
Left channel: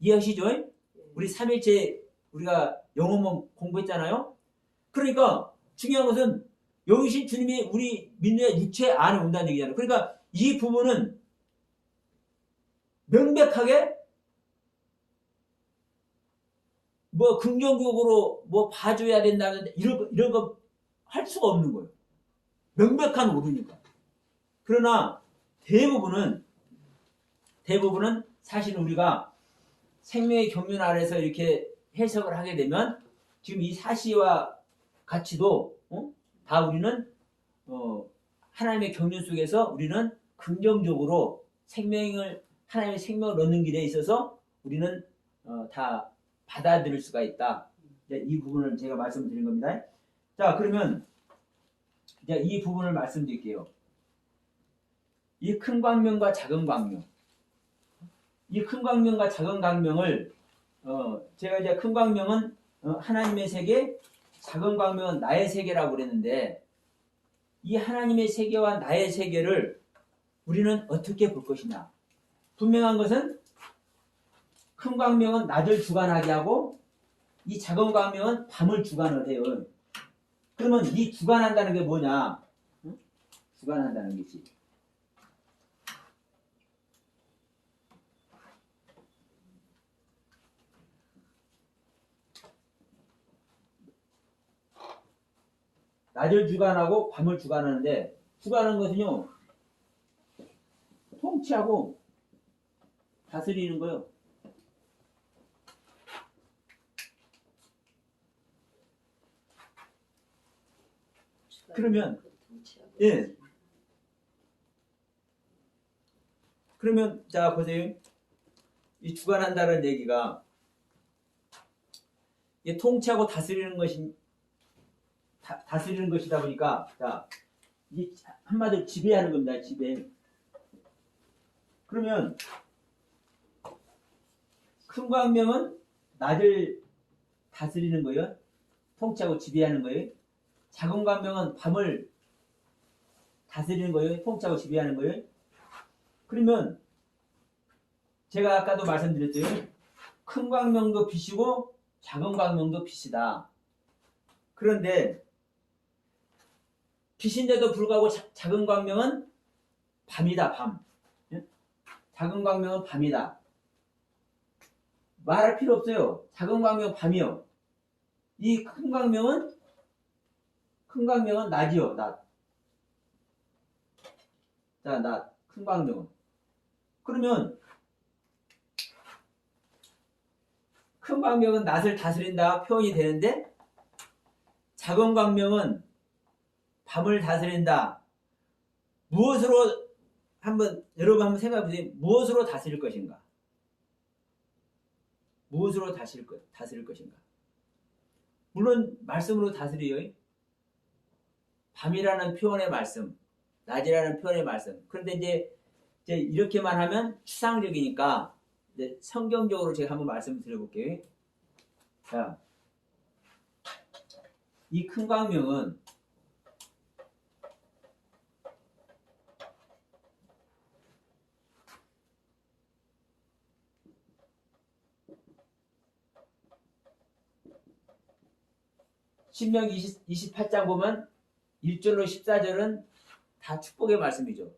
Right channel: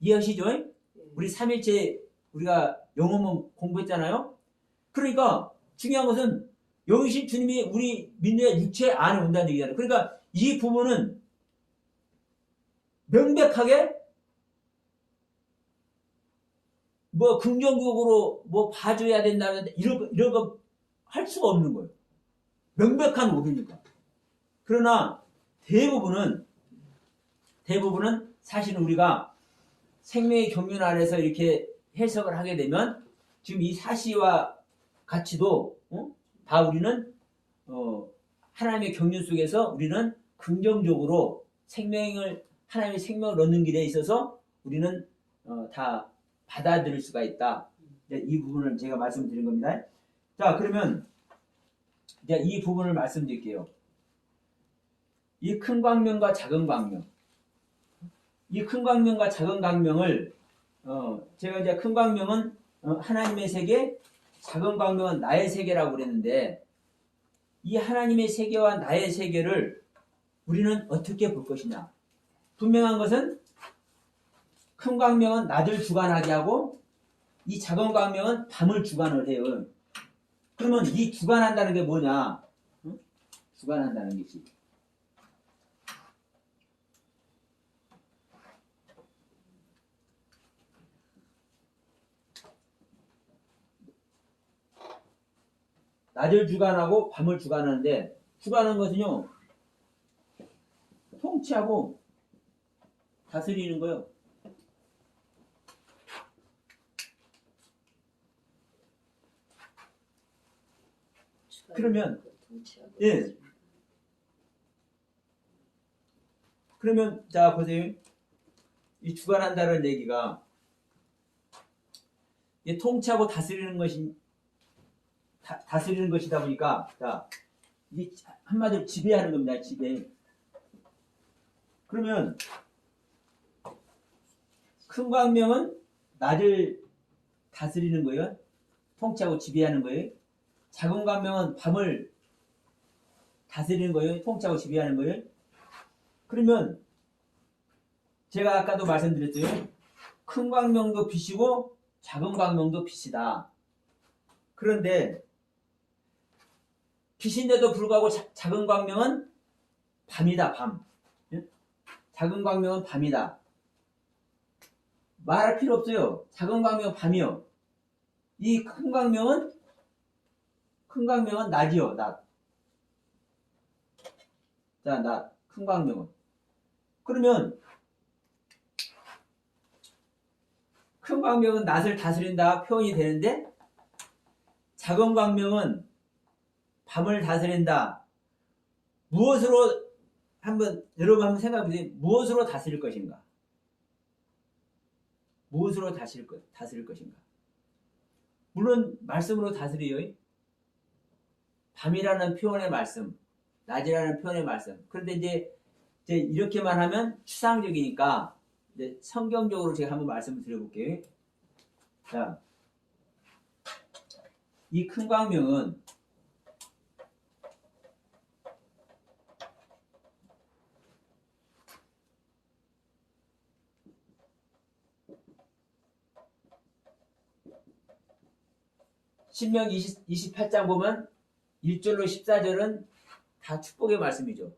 이해하시죠? 우리 3일째 우리가 영어만 공부했잖아요. 그러니까 중요한 것은 영이신 주님이 우리 믿는 육체 안에 온다는 얘기잖아요. 그러니까 이 부분은 명백하게 뭐 긍정적으로 뭐 봐줘야 된다는 이런 거 할 수가 없는 거예요. 명백한 오류니까. 그러나 대부분은 사실은 우리가 생명의 경륜 안에서 이렇게 해석을 하게 되면 지금 이 사시와 가치도 다 우리는 하나님의 경륜 속에서 우리는 긍정적으로 하나님의 생명을 얻는 길에 있어서 우리는 다 받아들일 수가 있다. 이 부분을 제가 말씀드린 겁니다. 자, 그러면 이제 이 부분을 말씀드릴게요. 이 큰 광명과 작은 광명. 이 큰 광명과 작은 광명을 제가 이제 큰 광명은 하나님의 세계, 작은 광명은 나의 세계라고 그랬는데 이 하나님의 세계와 나의 세계를 우리는 어떻게 볼 것이냐? 분명한 것은 큰 광명은 낮을 주관하게 하고 이 작은 광명은 밤을 주관을 해요. 그러면 이 주관한다는 게 뭐냐? 응? 주관한다는 것이 낮을 주관하고 밤을 주관하는데 주관하는 것은요 통치하고 다스리는 거예요. 그러면 예. 그러면 자 보세요. 이 주관한다는 얘기가 이게 통치하고 다스리는 것이 다스리는 것이다 보니까 자, 이 한마디로 지배하는 겁니다. 지배. 그러면 큰 광명은 낮을 다스리는 거예요. 통치하고 지배하는 거예요. 작은 광명은 밤을 다스리는 거예요. 통치하고 지배하는 거예요. 그러면 제가 아까도 말씀드렸어요. 큰 광명도 빛이고 작은 광명도 빛이다. 그런데 빛인데도 불구하고 작은 광명은 밤이다. 밤. 작은 광명은 밤이다. 말할 필요 없어요. 작은 광명은 밤이요. 이 큰 광명은 낮이요. 낮. 자, 낮. 큰 광명은. 그러면 큰 광명은 낮을 다스린다 표현이 되는데 작은 광명은 밤을 다스린다. 무엇으로 여러분 한번 생각해 보세요. 무엇으로 다스릴 것인가? 무엇으로 다스릴 것인가? 물론 말씀으로 다스려요. 밤이라는 표현의 말씀, 낮이라는 표현의 말씀. 그런데 이제 이렇게만 하면 추상적이니까 이제 성경적으로 제가 한번 말씀을 드려볼게요. 자, 이 큰 광명은 신명기 28장 보면 1절로 14절은 다 축복의 말씀이죠.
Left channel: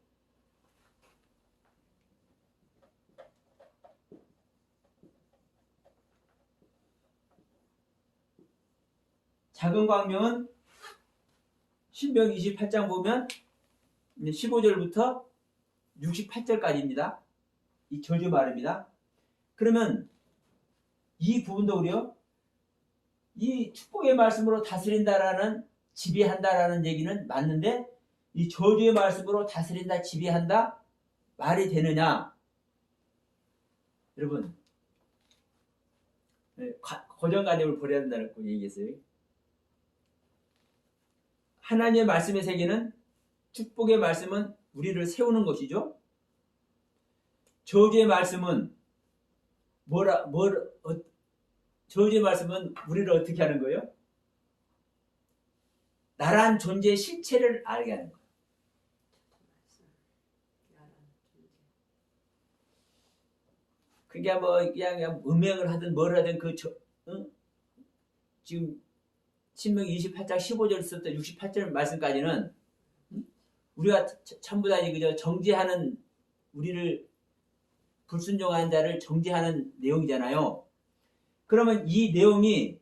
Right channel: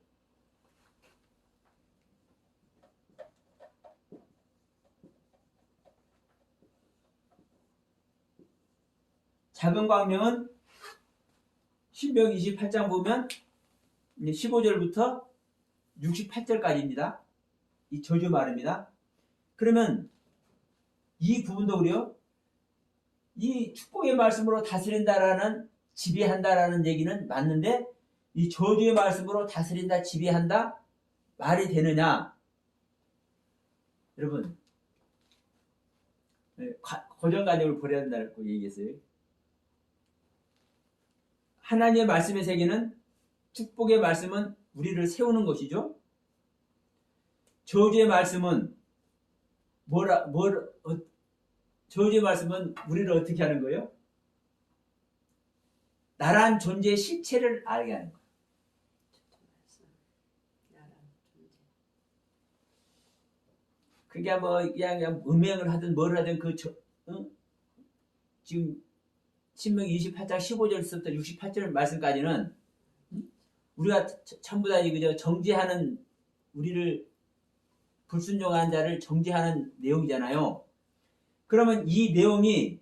작은 광명은 신명기 28장 보면 15절부터 68절까지입니다. 이 저주 말입니다. 그러면 이 부분도 그래요. 이 축복의 말씀으로 다스린다라는 지배한다라는 얘기는 맞는데 이 저주의 말씀으로 다스린다 지배한다 말이 되느냐? 여러분 고정관념을 버려야 한다고 얘기했어요. 하나님의 말씀의 세계는 축복의 말씀은 우리를 세우는 것이죠. 저주의 말씀은 저주의 말씀은 우리를 어떻게 하는 거예요? 나란 존재의 실체를 알게 하는 거예요. 그게 뭐 그냥 음행을 하든 뭘 하든 지금 신명기 28장 15절부터 68절 말씀까지는 우리가 전부 다 정죄하는 우리를 불순종하는 자를 정죄하는 내용이잖아요. 그러면 이 내용이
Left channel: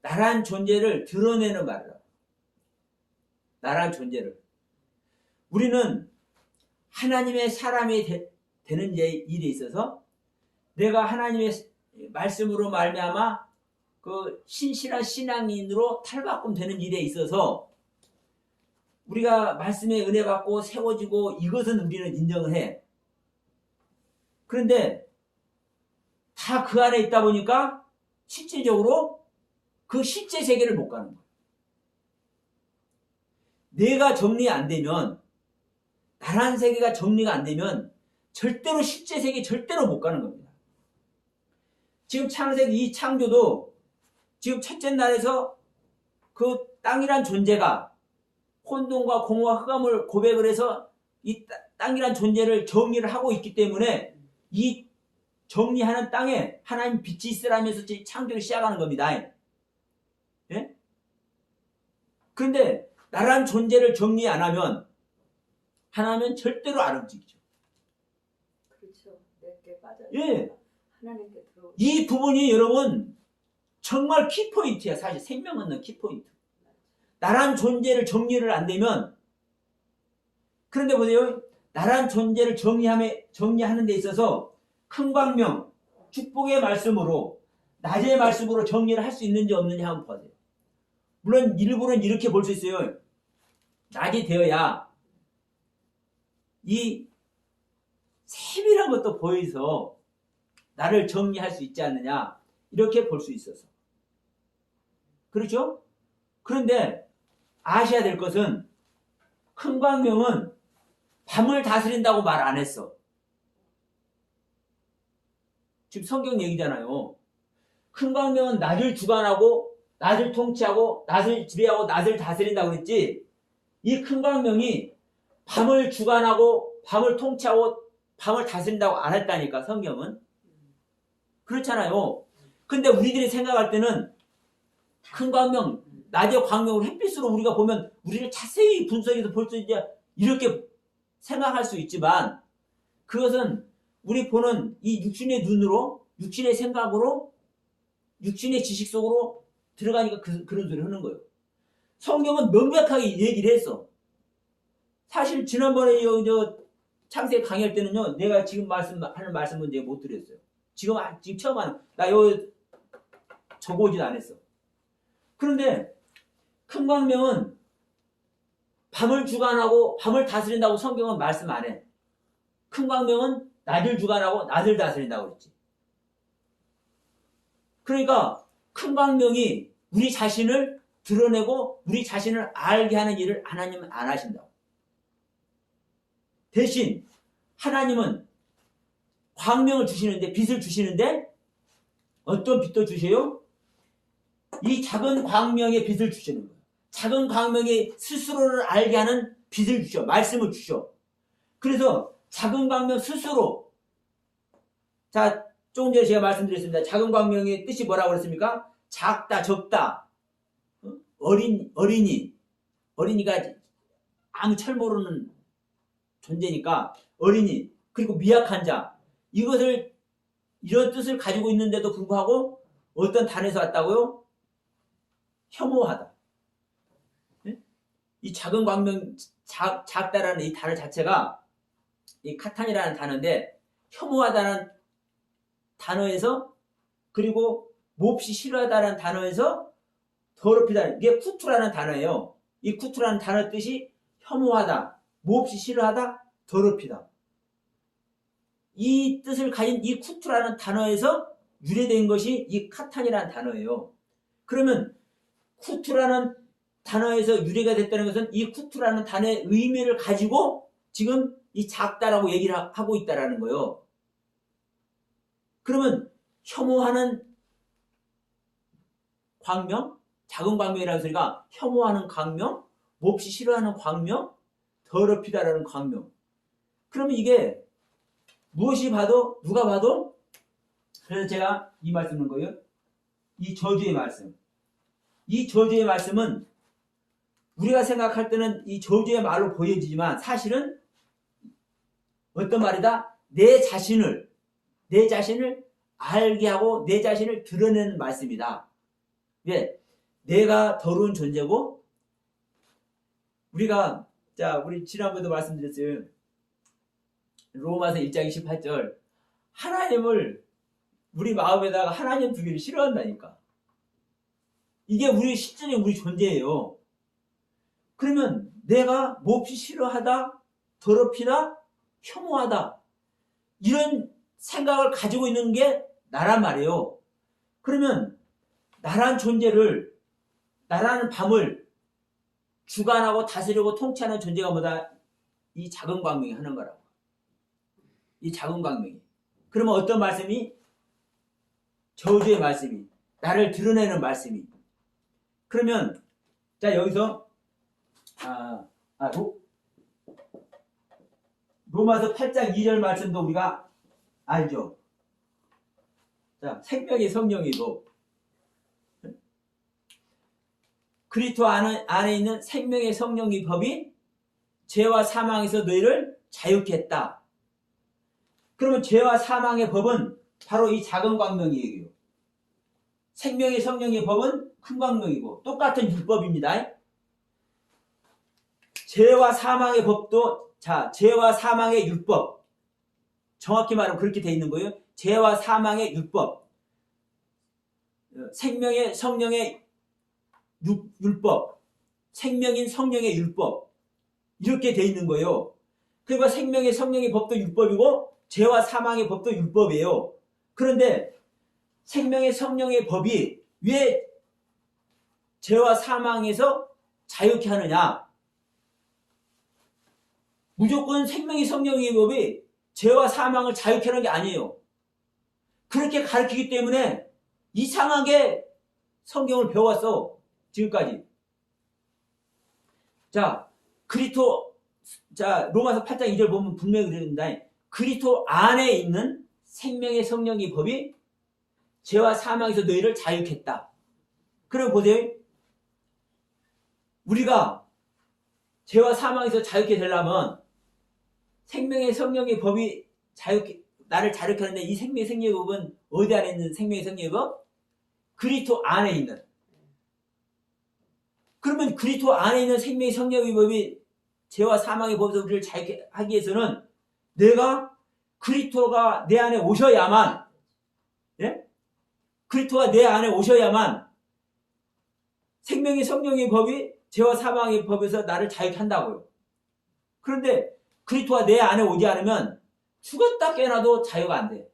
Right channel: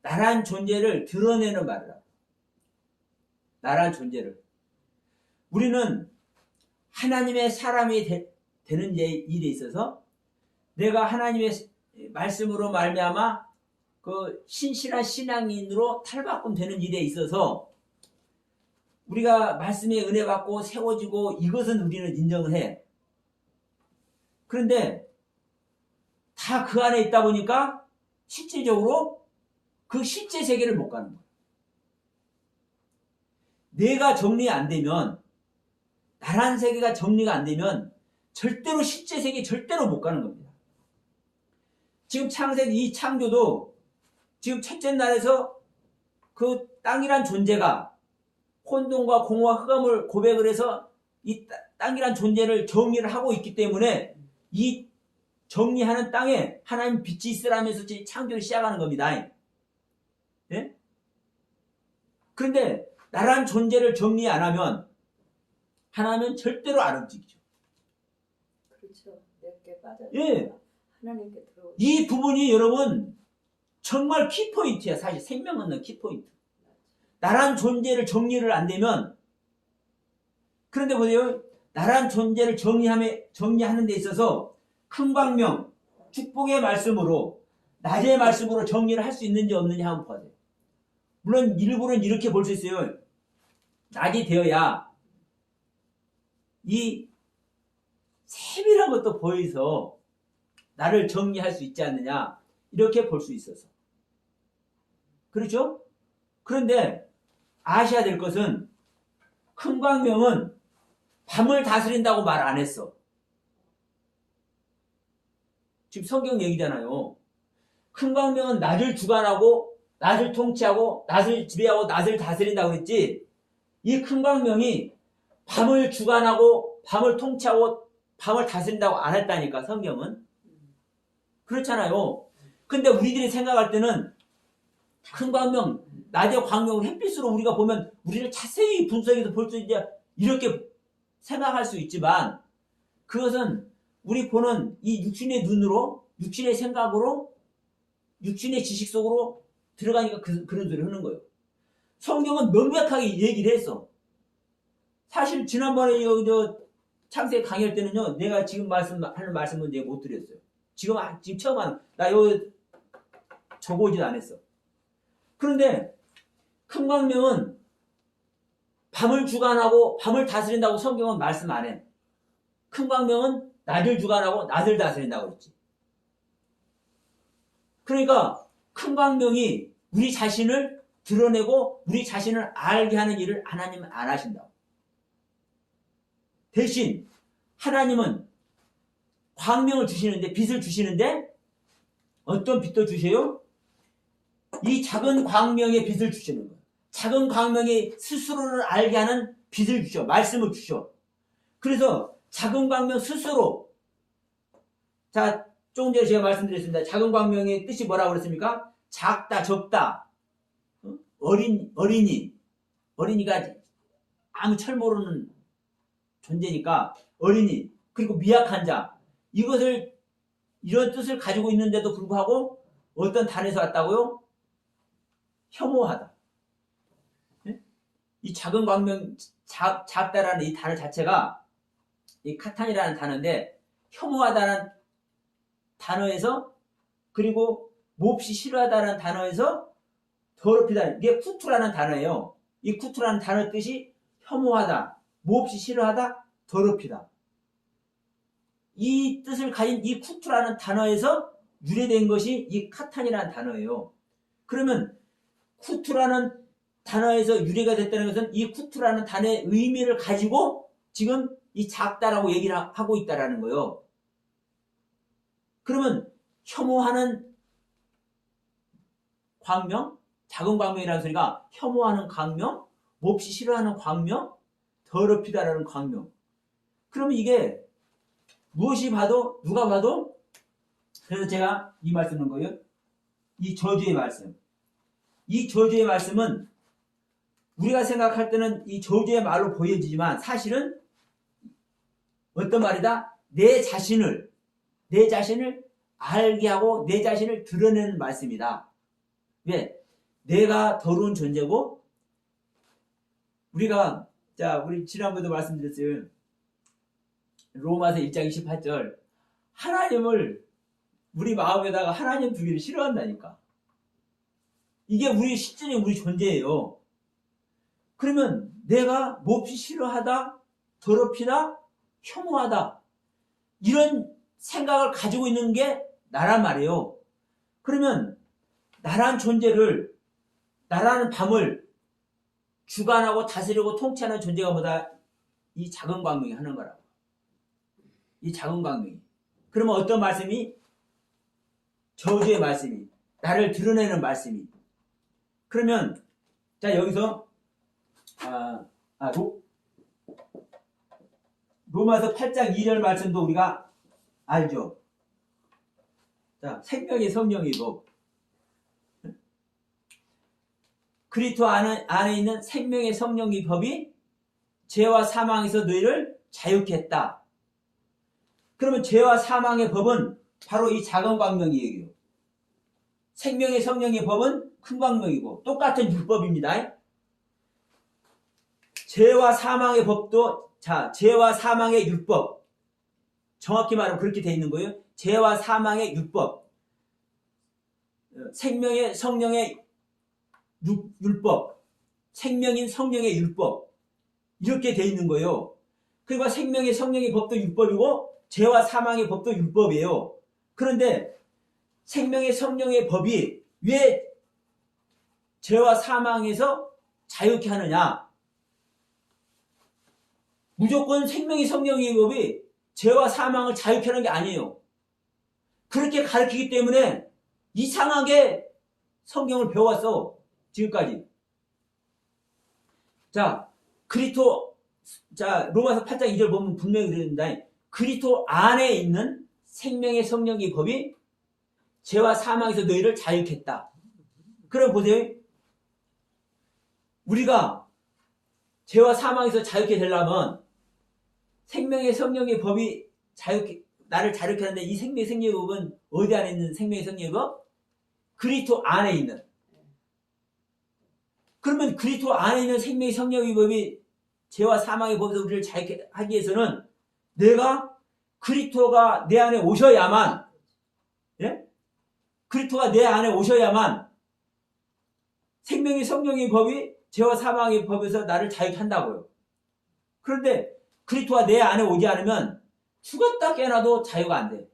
나란 존재를 드러내는 말이다. 나란 존재를. 우리는 하나님의 사람이 되는 일에 있어서 내가 하나님의 말씀으로 말미암아 그 신실한 신앙인으로 탈바꿈 되는 일에 있어서 우리가 말씀의 은혜 받고 세워지고 이것은 우리는 인정을 해. 그런데 다 그 안에 있다 보니까 실제적으로 그 실제 세계를 못 가는 거예요. 내가 정리 안 되면 나란 세계가 정리가 안 되면 절대로 실제 세계 절대로 못 가는 겁니다. 지금 창세기 이 창조도 지금 첫째 날에서 그 땅이란 존재가 혼돈과 공허와 흑암을 고백을 해서 이 땅이란 존재를 정리를 하고 있기 때문에 이 정리하는 땅에 하나님 빛이 있으라면서 창조를 시작하는 겁니다. 예? 그런데 나란 존재를 정리 안 하면 하나님은 절대로 안 움직이죠. 그렇죠. 내게 빠져. 예. 하나님께 들어. 이 부분이 여러분 정말 키포인트야. 사실 생명 얻는 키포인트. 나란 존재를 정리를 안 되면, 그런데 보세요. 나란 존재를 정리하는 데 있어서 큰 광명, 축복의 말씀으로, 낮의 말씀으로 정리를 할 수 있는지 없는지 한번 보세요. 물론 일부는 이렇게 볼 수 있어요. 낮이 되어야 이 세밀한 것도 보여서 나를 정리할 수 있지 않느냐, 이렇게 볼 수 있어서. 그렇죠? 그런데 아셔야 될 것은 큰 광명은 밤을 다스린다고 말 안 했어. 지금 성경 얘기잖아요. 큰 광명은 낮을 주관하고 낮을 통치하고 낮을 지배하고 낮을 다스린다고 그랬지, 이 큰 광명이 밤을 주관하고 밤을 통치하고 밤을 다스린다고 안 했다니까, 성경은. 그렇잖아요. 근데 우리들이 생각할 때는 큰 광명, 낮의 광명을 햇빛으로 우리가 보면 우리를 자세히 분석해서 볼 수 있냐, 이렇게 생각할 수 있지만, 그것은 우리 보는 이 육신의 눈으로, 육신의 생각으로, 육신의 지식 속으로 들어가니까 그런 소리를 하는 거예요. 성경은 명백하게 얘기를 했어. 사실 지난번에 창세 강의할 때는요, 내가 지금 하는 말씀은 내가 못 드렸어요. 지금 처음 하는, 나 적어오지도 않았어. 그런데 큰 광명은 밤을 주관하고 밤을 다스린다고 성경은 말씀 안 해. 큰 광명은 낮을 주관하고 낮을 다스린다고 그랬지. 그러니까 큰 광명이 우리 자신을 드러내고 우리 자신을 알게 하는 일을 하나님은 안 하신다고. 대신 하나님은 광명을 주시는데, 빛을 주시는데, 어떤 빛도 주세요? 이 작은 광명의 빛을 주시는 거예요. 작은 광명이 스스로를 알게 하는 빛을 주셔. 말씀을 주셔. 그래서 작은 광명 스스로, 자, 조금 전에 제가 말씀드렸습니다. 작은 광명의 뜻이 뭐라고 그랬습니까? 작다, 적다, 어린이가 아무 철 모르는 존재니까 어린이, 그리고 미약한 자, 이것을, 이런 뜻을 가지고 있는데도 불구하고 어떤 단에서 왔다고요? 혐오하다. 이 작은 광명, 작다라는 이 단어 자체가 이 카탄이라는 단어인데, 혐오하다는 단어에서, 그리고 몹시 싫어하다는 단어에서 더럽히다, 이게 쿠투라는 단어예요. 이 쿠투라는 단어 뜻이 혐오하다, 몹시 싫어하다, 더럽히다. 이 뜻을 가진 이 쿠투라는 단어에서 유래된 것이 이 카탄이라는 단어예요. 그러면 쿠투라는 단어에서 유래가 됐다는 것은 이 쿠투라는 단어의 의미를 가지고 지금 이 작다라고 얘기를 하고 있다는 거예요. 그러면 혐오하는 광명, 작은 광명이라는 소리가 혐오하는 광명, 몹시 싫어하는 광명, 더럽히다라는 광명. 그러면 이게 무엇이 봐도, 누가 봐도, 그래서 제가 이 말씀을 한 거예요. 이 저주의 말씀. 이 저주의 말씀은 우리가 생각할 때는 이 저주의 말로 보여지지만 사실은 어떤 말이다? 내 자신을 알게 하고 내 자신을 드러내는 말씀이다. 왜? 내가 더러운 존재고, 우리 지난번에도 말씀드렸어요. 로마서 1장 28절. 하나님을 우리 마음에다가 하나님 두기를 싫어한다니까. 이게 우리 실질적인 우리 존재예요. 그러면 내가 몹시 싫어하다, 더럽히다, 혐오하다, 이런 생각을 가지고 있는 게 나란 말이에요. 그러면 나란 존재를, 나라는 밤을 주관하고 다스리고 통치하는 존재가 뭐다? 이 작은 광명이 하는 거라고. 이 작은 광명이. 그러면 어떤 말씀이? 저주의 말씀이, 나를 드러내는 말씀이. 그러면 자, 여기서 로마서 8장 2절 말씀도 우리가 알죠. 자, 생명의 성령의 법. 그리스도 안에 있는 생명의 성령의 법이 죄와 사망에서 너희를 자유케 했다. 그러면 죄와 사망의 법은 바로 이 작은 광명이에요. 생명의 성령의 법은 큰 광명이고 똑같은 율법입니다. 죄와 사망의 법도 죄와 사망의 율법, 정확히 말하면 그렇게 되어 있는 거예요. 죄와 사망의 율법, 생명의 성령의 율법, 생명인 성령의 율법, 이렇게 되어 있는 거예요. 그리고 생명의 성령의 법도 율법이고 죄와 사망의 법도 율법이에요. 그런데 생명의 성령의 법이 왜 죄와 사망에서 자유케 하느냐? 무조건 생명의 성령의 법이 죄와 사망을 자유케 하는 게 아니에요. 그렇게 가르치기 때문에 이상하게 성경을 배워왔어. 지금까지. 로마서 8장 2절 보면 분명히 그랬는데, 그리스도 안에 있는 생명의 성령의 법이 죄와 사망에서 너희를 자유케 했다. 그럼 보세요. 우리가 죄와 사망에서 자유케 되려면 생명의 성령의 법이 나를 자유케 하는데, 이 생명의 성령의 법은 어디 안에 있는 생명의 성령의 법? 그리스도 안에 있는. 그러면 그리스도 안에 있는 생명의 성령의 법이 죄와 사망의 법에서 우리를 자유케 하기 위해서는 내가 그리스도가 내 안에 오셔야만, 예? 그리스도가 내 안에 오셔야만 생명의 성령의 법이 죄와 사망의 법에서 나를 자유케 한다고요. 그런데 그리스도가 내 안에 오지 않으면 죽었다 깨어나도 자유가 안 돼.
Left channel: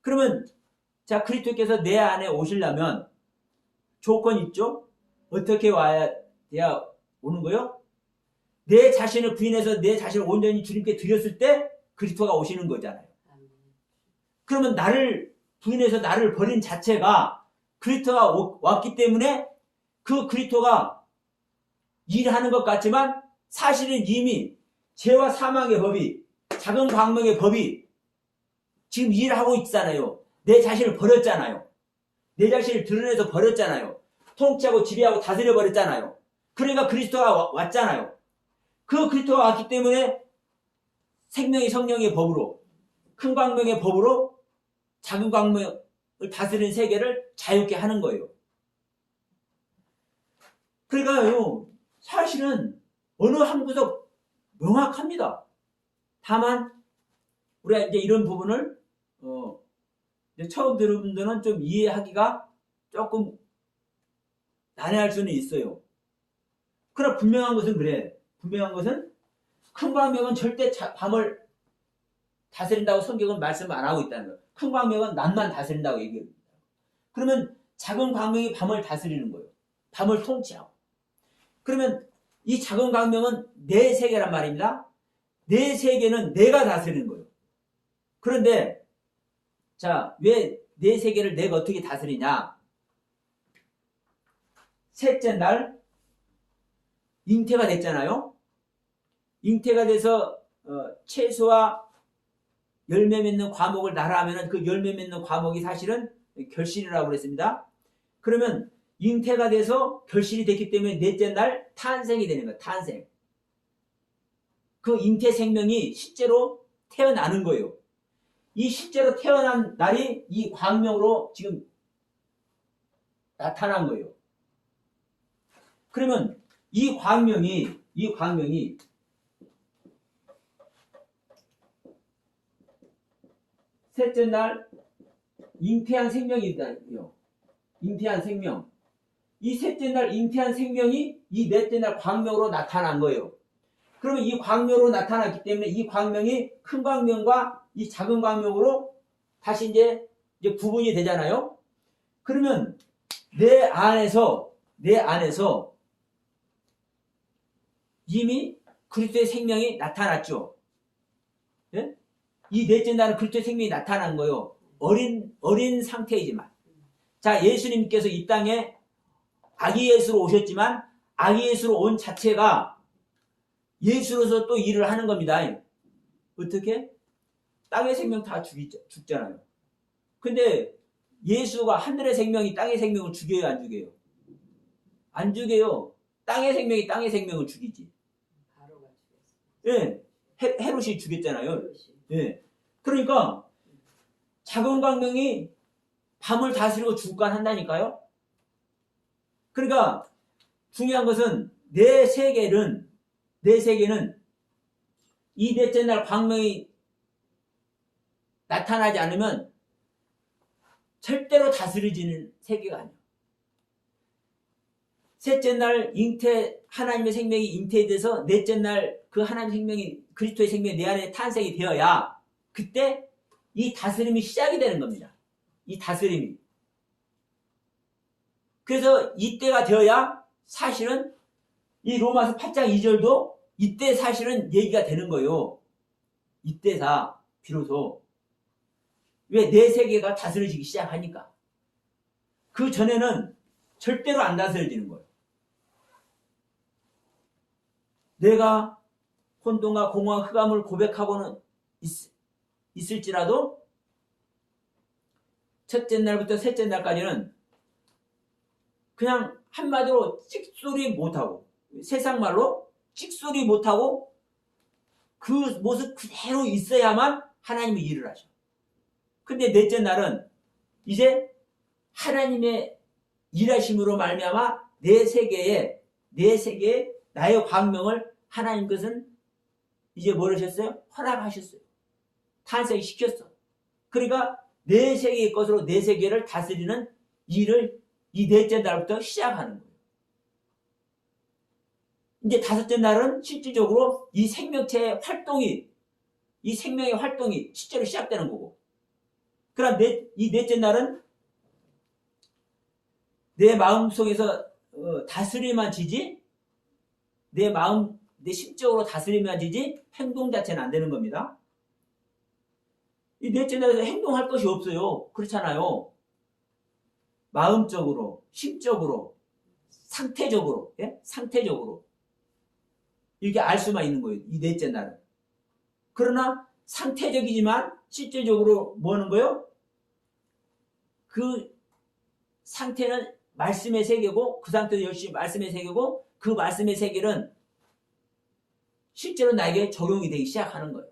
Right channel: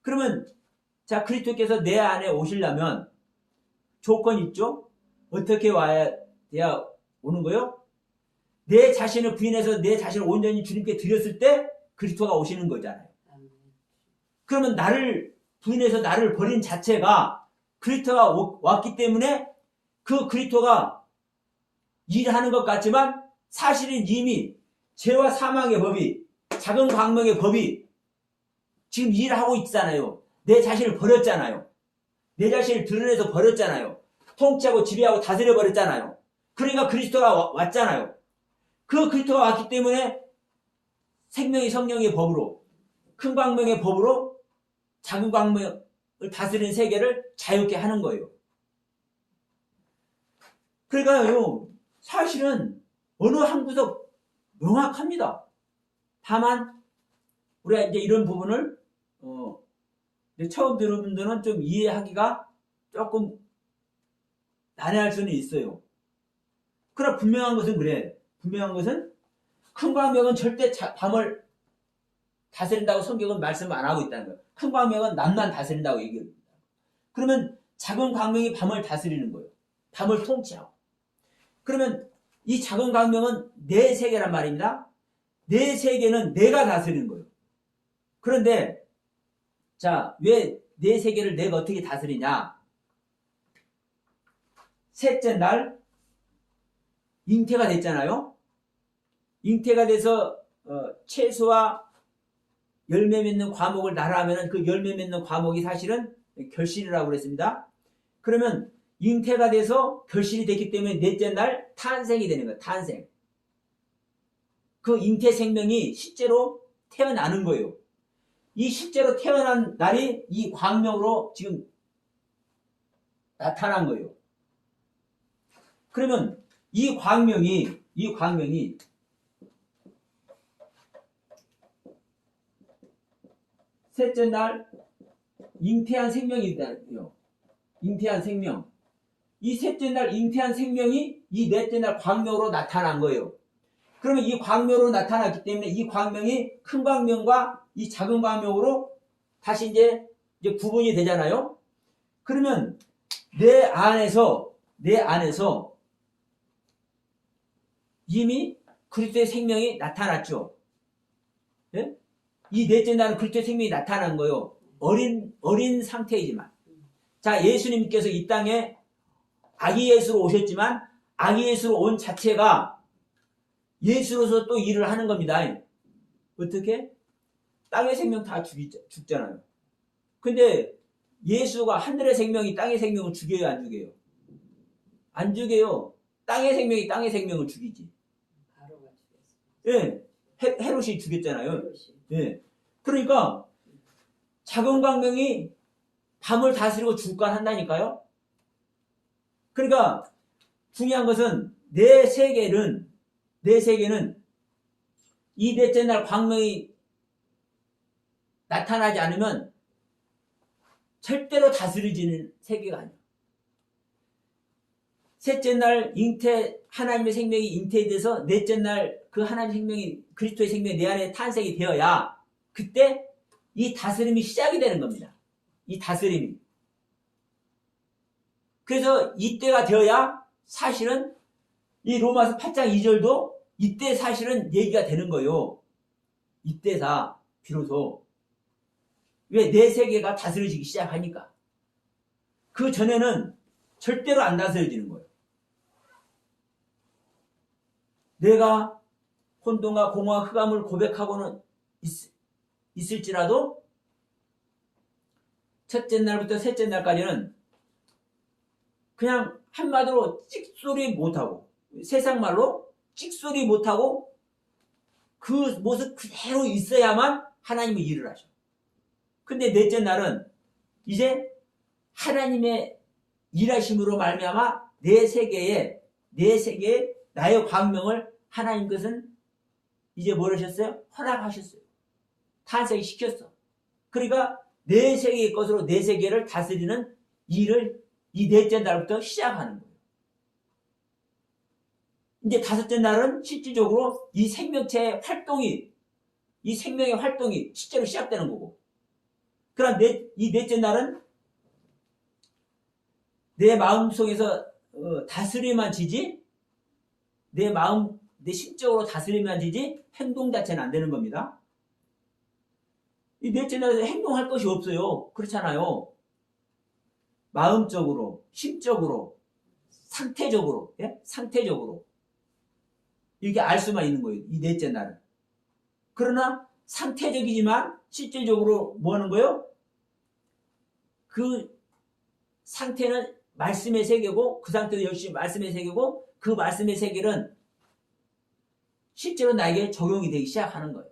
그러면 그리스도께서 내 안에 오시려면 조건이 있죠? 어떻게 와야 돼야 오는 거요? 내 자신을 부인해서 내 자신을 온전히 주님께 드렸을 때 그리스도가 오시는 거잖아요. 그러면 나를 부인해서 나를 버린 자체가 그리스도가 왔기 때문에 그 그리스도가 일하는 것 같지만 사실은 이미 죄와 사망의 법이, 작은 광명의 법이 지금 일하고 있잖아요. 내 자신을 버렸잖아요. 내 자신을 드러내서 버렸잖아요. 통치하고 지배하고 다스려 버렸잖아요. 그러니까 그리스도가 왔잖아요. 그 그리스도가 왔기 때문에 생명의 성령의 법으로, 큰 광명의 법으로 작은 광명을 다스리는 세계를 자유케 하는 거예요. 그러니까요, 사실은 어느 한 구석 명확합니다. 다만 우리가 이제 이런 부분을 이제 처음 들은 분들은 좀 이해하기가 조금 난해할 수는 있어요. 그러나 분명한 것은 그래. 분명한 것은 큰 광명은 절대 밤을 다스린다고 성경은 말씀 안 하고 있다는 거예요. 큰 광명은 낮만 다스린다고 얘기합니다. 그러면 작은 광명이 밤을 다스리는 거예요. 밤을 통치하고. 그러면 이 작은 광명은 내 세계란 말입니다. 내 세계는 내가 다스리는 거예요. 그런데 왜 내 세계를 내가 어떻게 다스리냐? 셋째 날 잉태가 됐잖아요. 잉태가 돼서 채소와 열매 맺는 과목을 나라하면 그 열매 맺는 과목이 사실은 결실이라고 그랬습니다. 그러면 잉태가 돼서 결실이 됐기 때문에 넷째 날 탄생이 되는 거예요. 탄생. 그 잉태 생명이 실제로 태어나는 거예요. 이 실제로 태어난 날이 이 광명으로 지금 나타난 거예요. 그러면 이 광명이 셋째 날 잉태한 생명이거든요. 잉태한 생명. 이 셋째 날 잉태한 생명이 이 넷째 날 광명으로 나타난 거예요. 그러면 이 광명으로 나타났기 때문에 이 광명이 큰 광명과 이 작은 광명으로 다시 이제 구분이 되잖아요. 그러면 내 안에서 이미 그리스도의 생명이 나타났죠. 예? 이 넷째 날은 그리스도의 생명이 나타난 거예요. 어린 상태이지만. 예수님께서 이 땅에 아기 예수로 오셨지만 아기 예수로 온 자체가 예수로서 또 일을 하는 겁니다. 어떻게? 땅의 생명 다 죽잖아요. 근데 예수가 하늘의 생명이 땅의 생명을 죽여요, 안 죽여요? 안 죽여요. 땅의 생명이 땅의 생명을 죽이지. 바로가 죽였어. 예, 헤롯이 죽였잖아요. 헤롯이. 예, 그러니까 작은 광명이 밤을 다스리고 주관 한다니까요. 그러니까 중요한 것은 내 세계는 이 넷째 날 광명이 나타나지 않으면 절대로 다스려지는 세계가 아니에요. 셋째 날 하나님의 생명이 잉태돼서 넷째 날 그 하나님의 생명이 그리스도의 생명이 내 안에 탄생이 되어야 그때 이 다스림이 시작이 되는 겁니다. 이 다스림이. 그래서 이때가 되어야 사실은 이 로마서 8장 2절도 이때 사실은 얘기가 되는 거예요. 이때다 비로소. 왜 내 세계가 다스려지기 시작하니까. 그 전에는 절대로 안 다스려지는 거예요. 내가 혼돈과 공허와 흑암을 고백하고는 있을지라도 첫째 날부터 셋째 날까지는 그냥 한마디로 찍소리 못하고 세상 말로 찍소리 못하고 그 모습 그대로 있어야만 하나님이 일을 하셔. 근데 넷째 날은 이제 하나님의 일하심으로 말미암아 내 세계에 나의 광명을 하나님께서는 이제 뭘 하셨어요? 허락하셨어요. 탄생시켰어. 그러니까 내 세계의 것으로 내 세계를 다스리는 일을 이 넷째 날부터 시작하는 거예요. 이제 다섯째 날은 실질적으로 이 생명체의 활동이 이 생명의 활동이 실제로 시작되는 거고, 그럼 이 넷째 날은 내 마음속에서 다스림만 지지, 내 마음, 내 심적으로 다스림만 지지 행동 자체는 안 되는 겁니다. 이 넷째 날에서 행동할 것이 없어요. 그렇잖아요. 마음적으로, 심적으로, 상태적으로, 예? 상태적으로 이렇게 알 수만 있는 거예요. 이 넷째 날은. 그러나 상태적이지만 실질적으로 뭐 하는 거예요? 그 상태는 말씀의 세계고, 그 상태는 열심히 말씀의 세계고, 그 말씀의 세계는 실제로 나에게 적용이 되기 시작하는 거예요.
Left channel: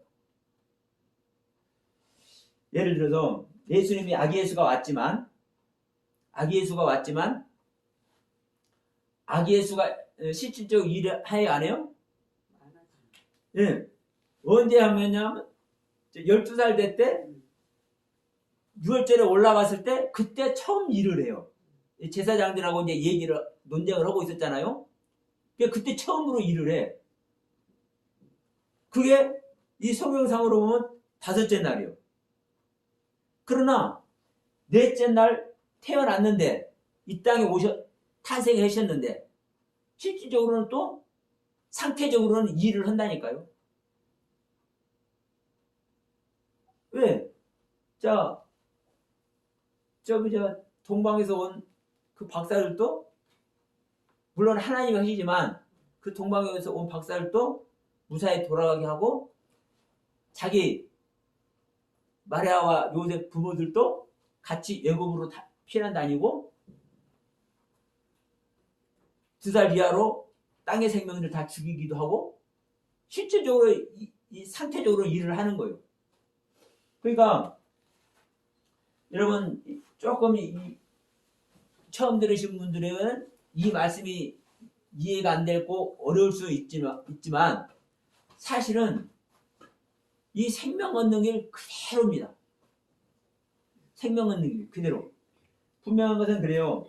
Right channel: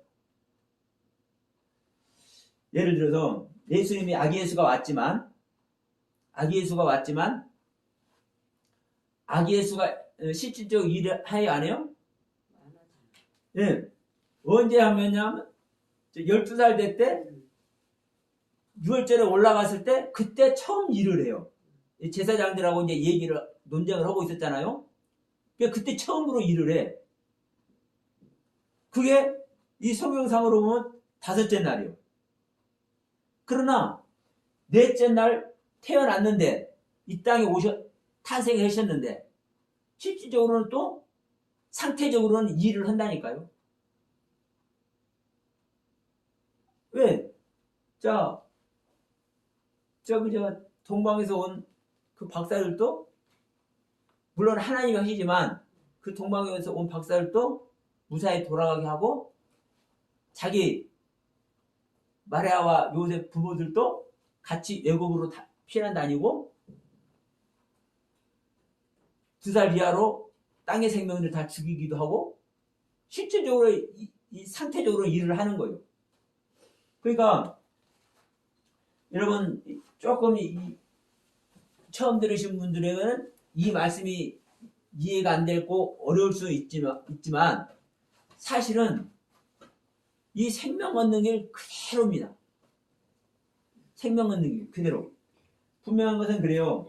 예를 들어서 예수님이 아기 예수가 왔지만 아기 예수가 실질적으로 일을 해야 안 해요? 예. 언제 하면요? 12살 될 때 유월절에 올라갔을 때 그때 처음 일을 해요. 제사장들하고 이제 논쟁을 하고 있었잖아요. 그때 처음으로 일을 해. 그게 이 성경상으로 보면 다섯째 날이요. 그러나 넷째 날 태어났는데 이 땅에 탄생하셨는데 실질적으로는 또 상태적으로는 일을 한다니까요. 왜? 동방에서 온 그 박사들도 물론 하나님이 하시지만 그 동방에서 온 박사들도 무사히 돌아가게 하고 자기 마리아와 요셉 부모들도 같이 애굽으로 피난 다니고 2살 이하로 땅의 생명을 다 죽이기도 하고 실질적으로 이 상태적으로 일을 하는 거예요. 그러니까 여러분 조금 처음 들으신 분들에게는 이 말씀이 이해가 안 되고 어려울 수 있지만 사실은 이 생명 얻는 길 그대로입니다. 생명 얻는 길 그대로. 분명한 것은 그래요.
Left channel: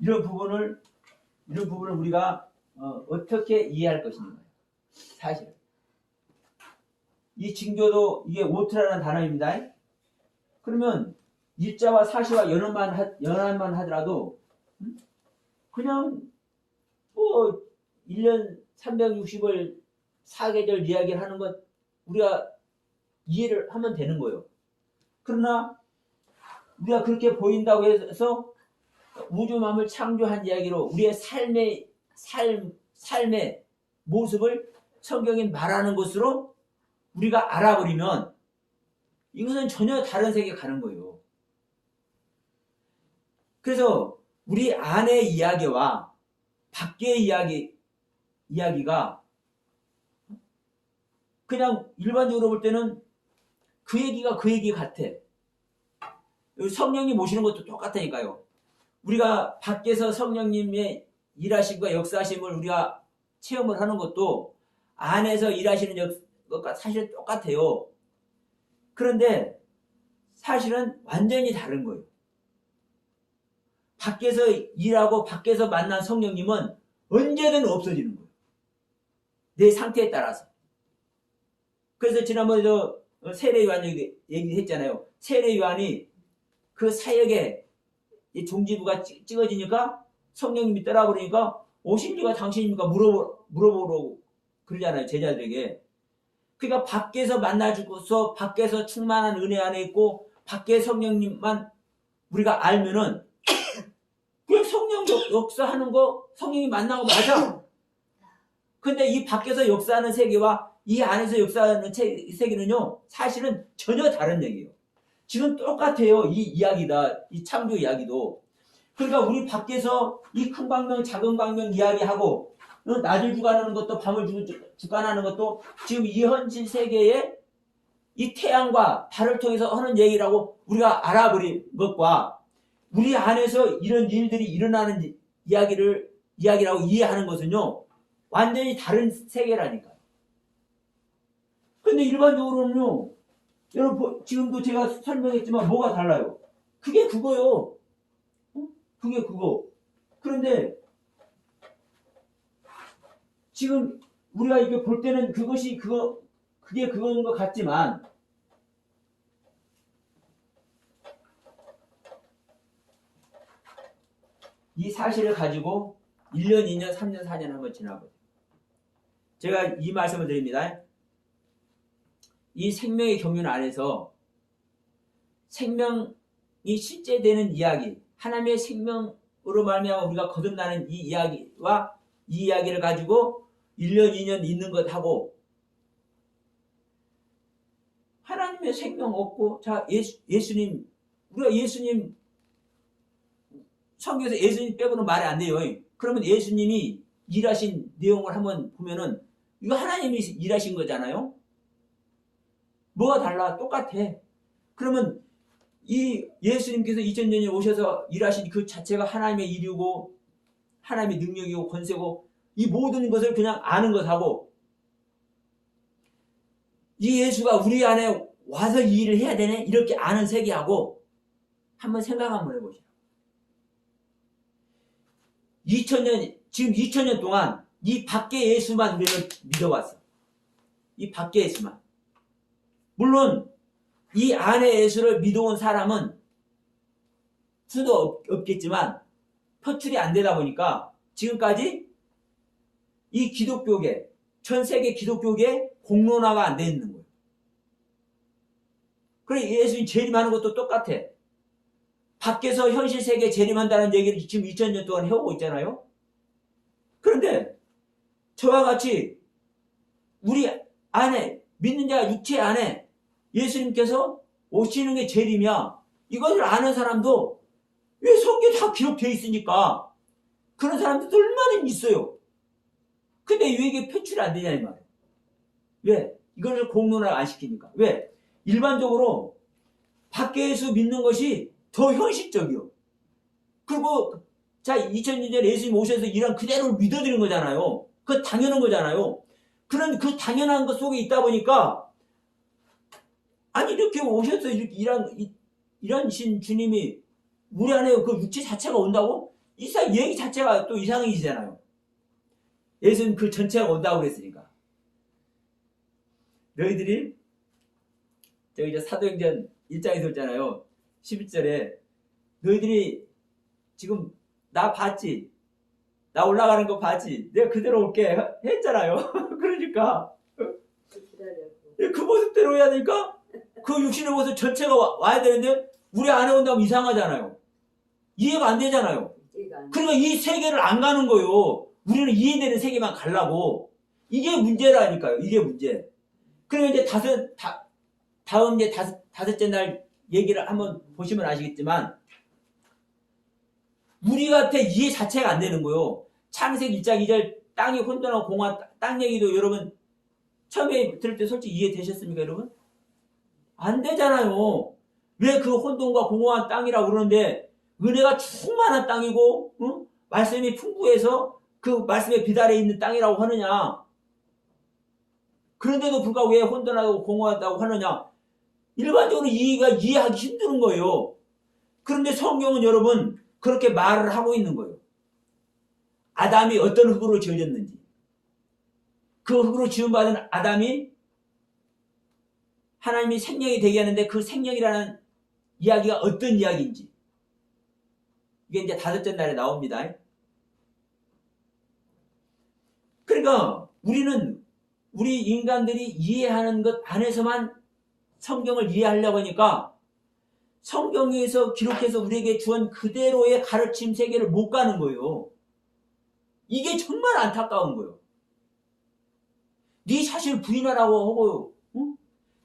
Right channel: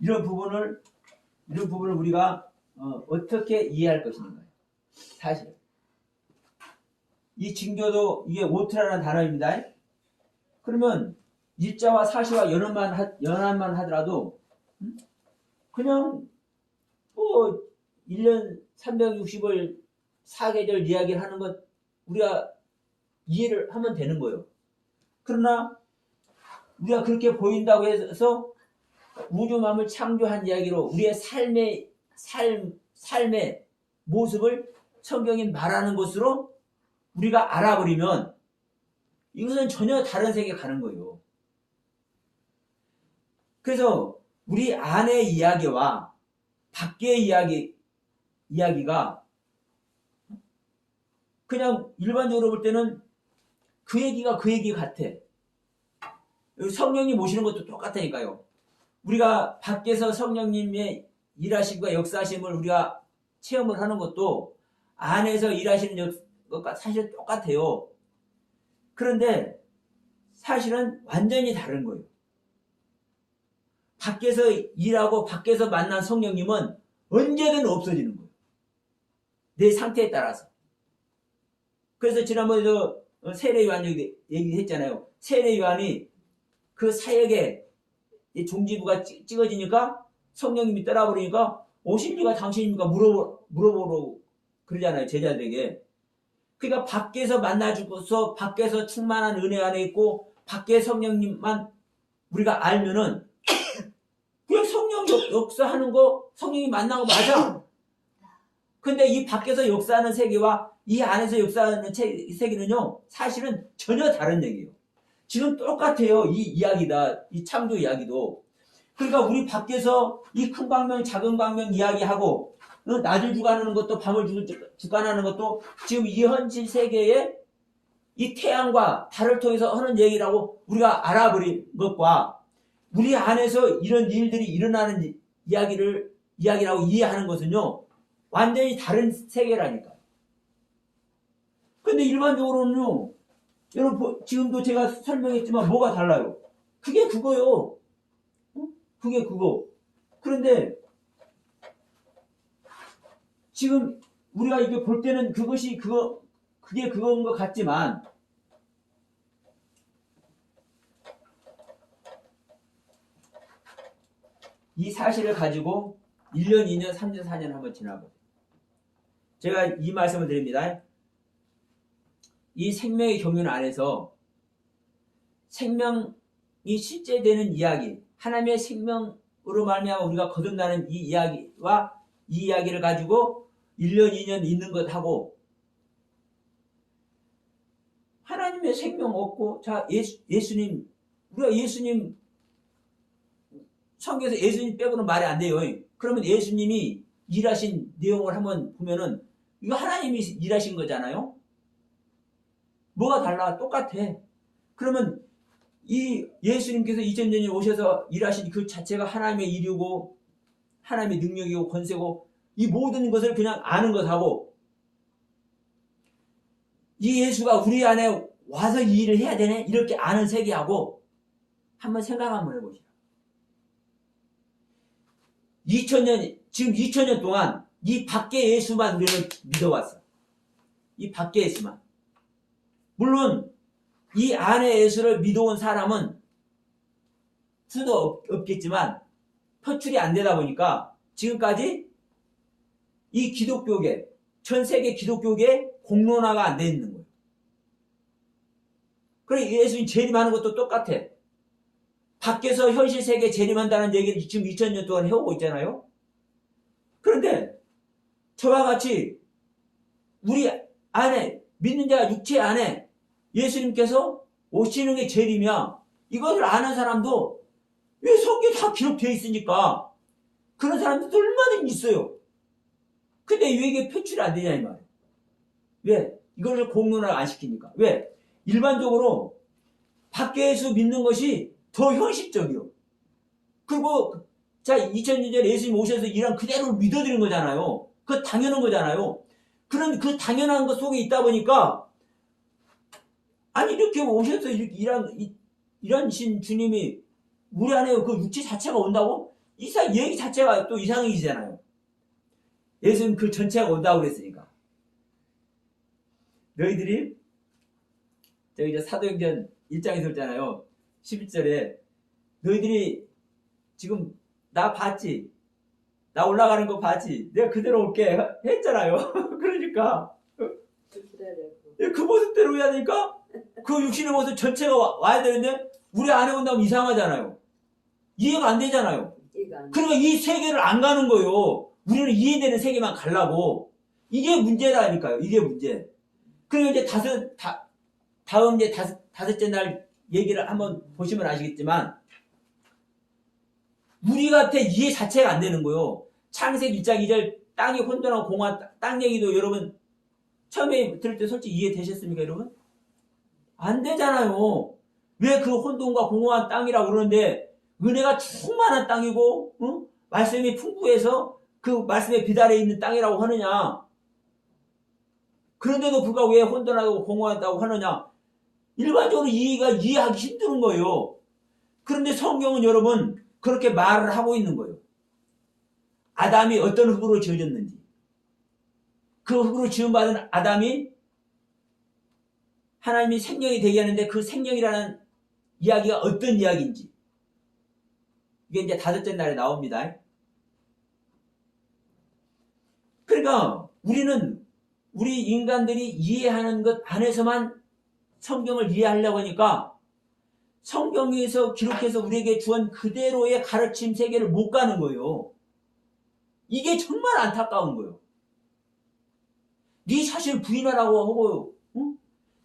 이런 부분을 우리가 어떻게 이해할 것인가. 사실은 이 징조도 이게 오트라는 단어입니다. 그러면 일자와 사시와 연합만 하더라도 그냥 뭐 1년 360을 사계절 이야기를 하는 것 우리가 이해를 하면 되는 거예요. 그러나 우리가 그렇게 보인다고 해서 우주만을 창조한 이야기로 우리의 삶에 모습을 성경이 말하는 것으로 우리가 알아버리면 이것은 전혀 다른 세계에 가는 거예요. 그래서 우리 안의 이야기와 밖의 이야기가 그냥 일반적으로 볼 때는 그 얘기가 그 얘기 같아. 성령님 모시는 것도 똑같다니까요. 우리가 밖에서 성령님의 일하심과 역사하심을 우리가 체험을 하는 것도 안에서 일하시는 것과 사실 똑같아요. 그런데 사실은 완전히 다른 거예요. 밖에서 일하고 밖에서 만난 성령님은 언제든 없어지는 거예요. 내 상태에 따라서. 그래서 지난번에 세례 요한 얘기했잖아요. 세례 요한이 그 사역에 종지부가 찍어지니까 성령님이 떠나버리니까 오실리가 당신입니까? 물어보라고 그러잖아요. 제자들에게. 그러니까 밖에서 만나주고서 밖에서 충만한 은혜 안에 있고 밖에 성령님만 우리가 알면은 그냥 성령 역사하는 거 성령이 만나고 맞아. 근데 이 밖에서 역사하는 세계와 이 안에서 역사하는 세계는요 사실은 전혀 다른 얘기예요. 지금 똑같아요. 이 이야기다. 이 창조 이야기도. 그러니까 우리 밖에서 이 큰 광명 작은 광명 이야기하고 낮을 주관하는 것도 밤을 주관하는 것도 지금 이 현실 세계에 이 태양과 달을 통해서 하는 얘기라고 우리가 알아버린 것과 우리 안에서 이런 일들이 일어나는 이야기라고 이해하는 것은요 완전히 다른 세계라니까. 근데 일반적으로는요 여러분 지금도 제가 설명했지만 뭐가 달라요? 그게 그거요. 그게 그거. 그런데 지금 우리가 이렇게 볼 때는 그게 그거인 것 같지만 이 사실을 가지고 1년, 2년, 3년, 4년 한번 지나보세요. 제가 이 말씀을 드립니다. 이 생명의 경륜 안에서 생명이 실제 되는 이야기, 하나님의 생명으로 말미암아 우리가 거듭나는 이 이야기와 이 이야기를 가지고 1년, 2년 있는 것하고 하나님의 생명 없고 자 예수님 우리가 예수님 성경에서 예수님 빼고는 말이 안 돼요. 그러면 예수님이 일하신 내용을 한번 보면은 이거 하나님이 일하신 거잖아요. 뭐가 달라? 똑같아. 그러면 이 예수님께서 2000년에 오셔서 일하신 그 자체가 하나님의 일이고 하나님의 능력이고 권세고 이 모든 것을 그냥 아는 것하고 이 예수가 우리 안에 와서 이 일을 해야 되네 이렇게 아는 세계하고 한번 생각 한번 해보시죠. 2000년 지금 2000년 동안 이 밖에 예수만 우리는 믿어왔어. 이 밖에 예수만. 물론 이 안에 예수를 믿어온 사람은 수도 없겠지만 표출이 안 되다 보니까 지금까지 이 기독교계 전 세계 기독교계에 공론화가 안 돼 있는 거예요. 그래 예수님 재림하는 것도 똑같아. 밖에서 현실 세계에 재림한다는 얘기를 지금 2000년 동안 해오고 있잖아요. 그런데 저와 같이 우리 안에 믿는 자가 육체 안에 예수님께서 오시는 게 재림이야. 이것을 아는 사람도 왜 성경에 다 기록되어 있으니까 그런 사람들도 얼마나 있어요. 근데 왜 이게 표출이 안 되냐 이 말이에요. 왜? 이걸 공론화 안 시키니까. 왜? 일반적으로 밖에 예수 믿는 것이 더 현실적이요. 그리고 자 2000년 전에 예수님 오셔서 일한 그대로 믿어드리는 거잖아요. 그거 당연한 거잖아요. 그런 그 당연한 것 속에 있다 보니까 아니 이렇게 오셔서 이렇게 일하신 주님이 우리 안에 그 육체 자체가 온다고? 얘기 자체가 또 이상해지잖아요. 예수님 그 전체가 온다고 그랬으니까. 너희들이 저기 이제 사도행전 1장에서 있잖아요. 11절에 너희들이 지금 나 봤지? 나 올라가는 거 봤지? 내가 그대로 올게 했잖아요. 그러니까 그 모습대로 해야 되니까 그 육신의 모습 전체가 와야 되는데 우리 안에 온다면 이상하잖아요. 이해가 안 되잖아요. 그러니까 이 세계를 안 가는 거예요. 우리는 이해되는 세계만 가려고. 이게 문제라니까요. 이게 문제. 그리고 이제 다음 이제 다섯째 날 얘기를 한번 보시면 아시겠지만, 우리한테 이해 자체가 안 되는 거예요. 창세기 1장 2절 땅이 혼돈하고 공허한 땅 얘기도 여러분 처음에 들을 때 솔직히 이해되셨습니까, 여러분? 안 되잖아요. 왜 그 혼돈과 공허한 땅이라고 그러는데 은혜가 충만한 땅이고 말씀이 풍부해서 그 말씀에 비달해 있는 땅이라고 하느냐? 그런데도 불구하고 왜 혼돈하고 공허하다고 하느냐? 일반적으로 이해하기 힘든 거예요. 그런데 성경은 여러분 그렇게 말을 하고 있는 거예요. 아담이 어떤 흙으로 지어졌는지, 그 흙으로 지음받은 아담이 하나님이 생명이 되게 하는데 그 생명이라는 이야기가 어떤 이야기인지, 이게 이제 다섯째 날에 나옵니다. 그러니까 우리 인간들이 이해하는 것 안에서만 성경을 이해하려고 하니까 성경에서 기록해서 우리에게 주은 그대로의 가르침 세계를 못 가는 거예요. 이게 정말 안타까운 거예요. 네 자신을 부인하라고 하고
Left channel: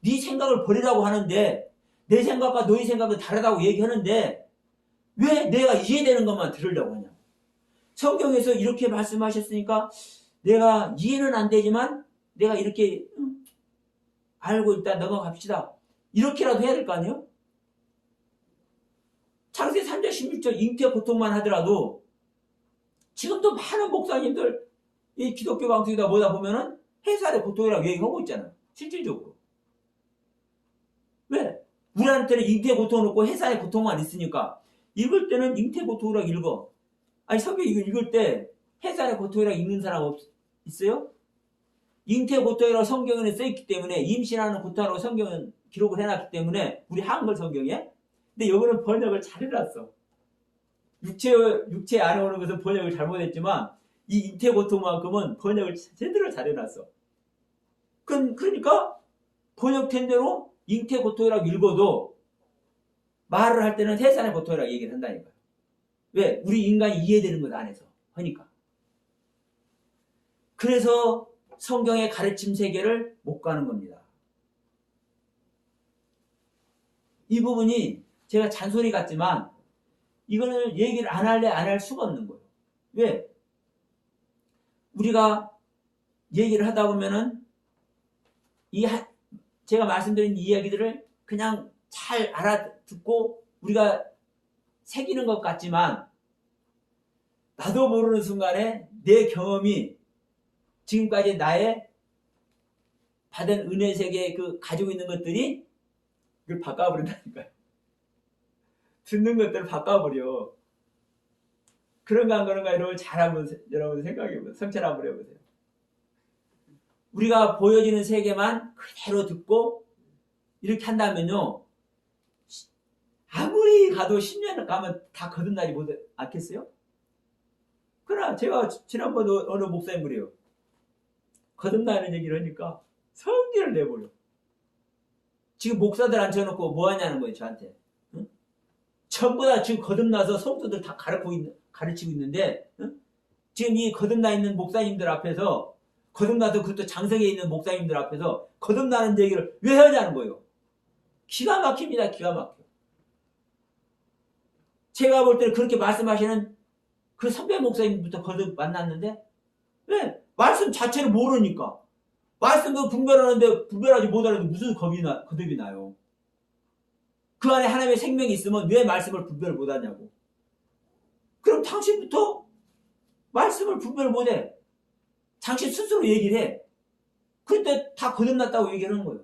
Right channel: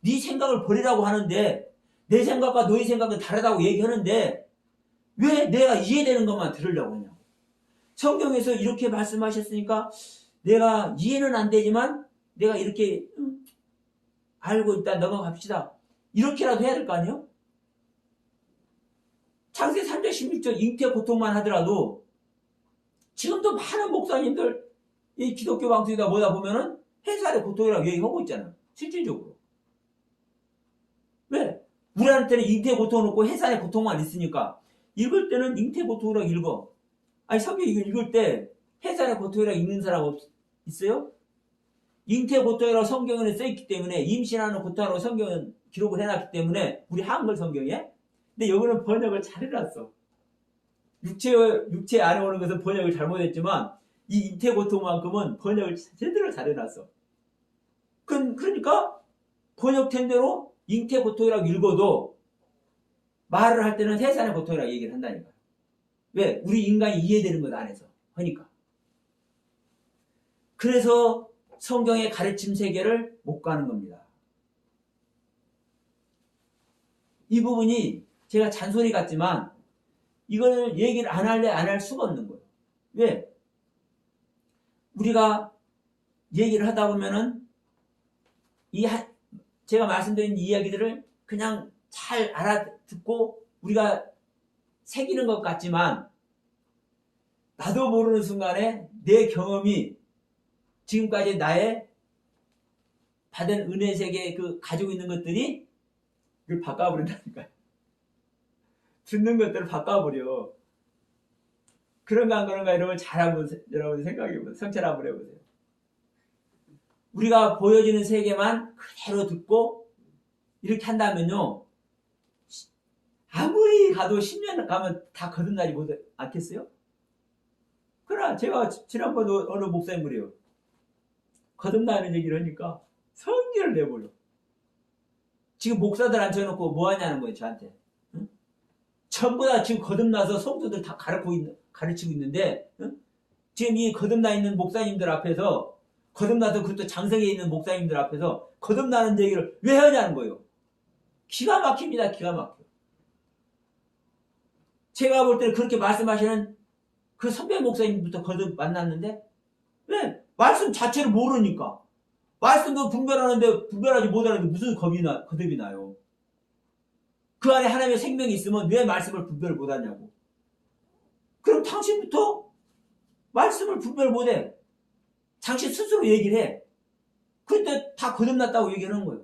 네 생각을 버리라고 하는데 내 생각과 너의 생각은 다르다고 얘기하는데 왜 내가 이해되는 것만 들으려고 하냐. 성경에서 이렇게 말씀하셨으니까 내가 이해는 안 되지만 내가 이렇게 알고 일단 넘어갑시다. 이렇게라도 해야 될 거 아니에요? 창세기 3장 16절 잉태 고통만 하더라도 지금도 많은 목사님들 이 기독교 방송이다 뭐다 보면은 해살의 고통이라고 얘기하고 있잖아요. 실질적으로. 왜? 우리한테는 잉태 고통은 없고 해살의 고통만 있으니까 읽을 때는 잉태 고통이라고 읽어. 아니 성경 읽을 때 해살의 고통이라고 읽는 사람 있어요? 잉태 고통이라고 성경에는 써있기 때문에 임신하는 고통이라고 성경은 기록을 해놨기 때문에 우리 한글 성경에. 근데 여기는 번역을 잘 해놨어. 육체 안에 오는 것은 번역을 잘못했지만 이 잉태 고통만큼은 번역을 제대로 잘 해놨어. 그러니까 번역된 대로 잉태 고통이라고 읽어도 말을 할 때는 해산의 고통이라고 얘기를 한다니까. 왜? 우리 인간이 이해되는 것 안에서 하니까. 그래서 성경의 가르침 세계를 못 가는 겁니다. 이 부분이 제가 잔소리 같지만 이거는 얘기를 안 할 수가 없는 거예요. 왜? 우리가 얘기를 하다 보면은 제가 말씀드린 이야기들을 그냥 잘 알아듣고 우리가 새기는 것 같지만 나도 모르는 순간에 내 경험이 지금까지 나의 받은 은혜 세계에 가지고 있는 것들이 그걸 바꿔버린다니까요. 듣는 것들을 바꿔버려. 그런가 안 그런가 여러분 여러분 생각해보세요. 성찰 한번 해보세요. 우리가 보여지는 세계만 그대로 듣고 이렇게 한다면요. 아무리 가도 10년 가면 다 거듭나지 않겠어요? 그러나 제가 지난번에 어느 목사님 그래요. 거듭나는 얘기를 하니까 성질을 내버려. 지금 목사들 앉혀놓고 뭐 하냐는 거예요, 저한테. 응? 전부 다 지금 거듭나서 성도들 다 가르치고 있는데, 응? 지금 이 거듭나 있는 목사님들 앞에서, 거듭나서 그것도 장성에 있는 목사님들 앞에서 거듭나는 얘기를 왜 하냐는 거예요. 기가 막힙니다, 기가 막혀. 제가 볼 때는 그렇게 말씀하시는 그 선배 목사님부터 거듭 만났는데, 왜? 말씀 자체를 모르니까. 말씀도 분별하는데 분별하지 못하는데 무슨 거듭이 나요. 그 안에 하나님의 생명이 있으면 왜 말씀을 분별 못하냐고. 그럼 당신부터 말씀을 분별 못해. 당신 스스로 얘기를 해. 그런데 다 거듭났다고 얘기하는 거예요.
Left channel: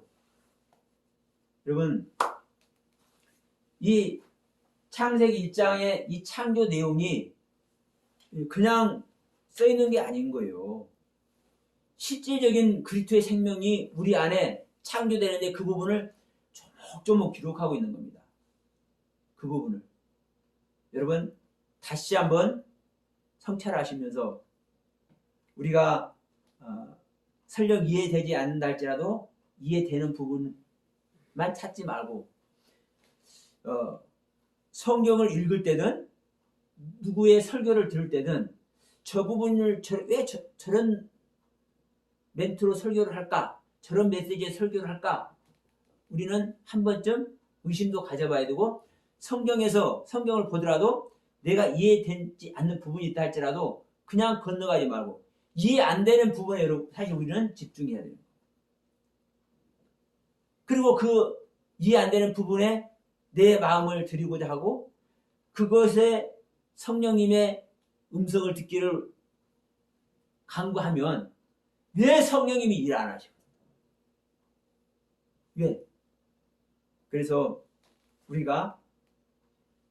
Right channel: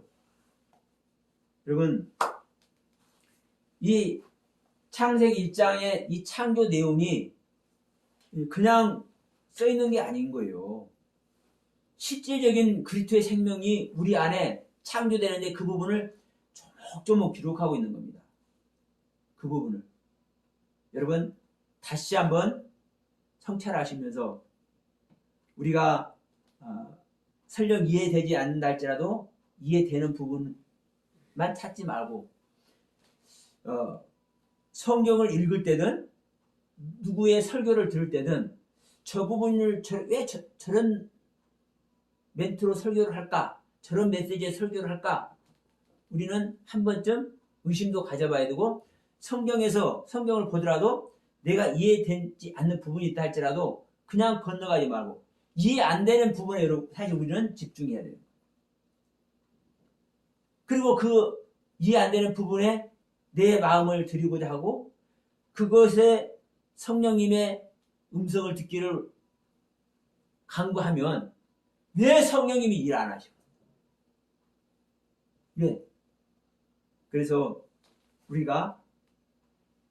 여러분, 이 창세기 1장의 이 창조 내용이 그냥 써있는 게 아닌 거예요. 실질적인 그리스도의 생명이 우리 안에 창조되는데 그 부분을 조목조목 기록하고 있는 겁니다. 그 부분을. 여러분 다시 한번 성찰하시면서 우리가 설령 이해되지 않는다 할지라도 이해되는 부분만 찾지 말고 성경을 읽을 때든 누구의 설교를 들을 때든 저 부분을 왜 저런 멘트로 설교를 할까? 저런 메시지의 설교를 할까? 우리는 한 번쯤 의심도 가져봐야 되고, 성경에서 성경을 보더라도 내가 이해되지 않는 부분이 있다 할지라도 그냥 건너가지 말고 이해 안 되는 부분에 여러분 사실 우리는 집중해야 돼요. 그리고 그 이해 안 되는 부분에 내 마음을 드리고자 하고 그것에 성령님의 음성을 듣기를 간구하면 왜 성령님이 일 안 하셔? 왜? 그래서 우리가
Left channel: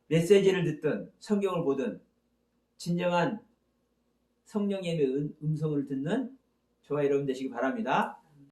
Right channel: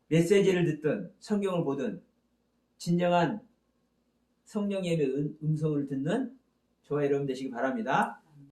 메시지를 듣든 성경을 보든 진정한 성령님의 음성을 듣는 저와 여러분 되시기 바랍니다.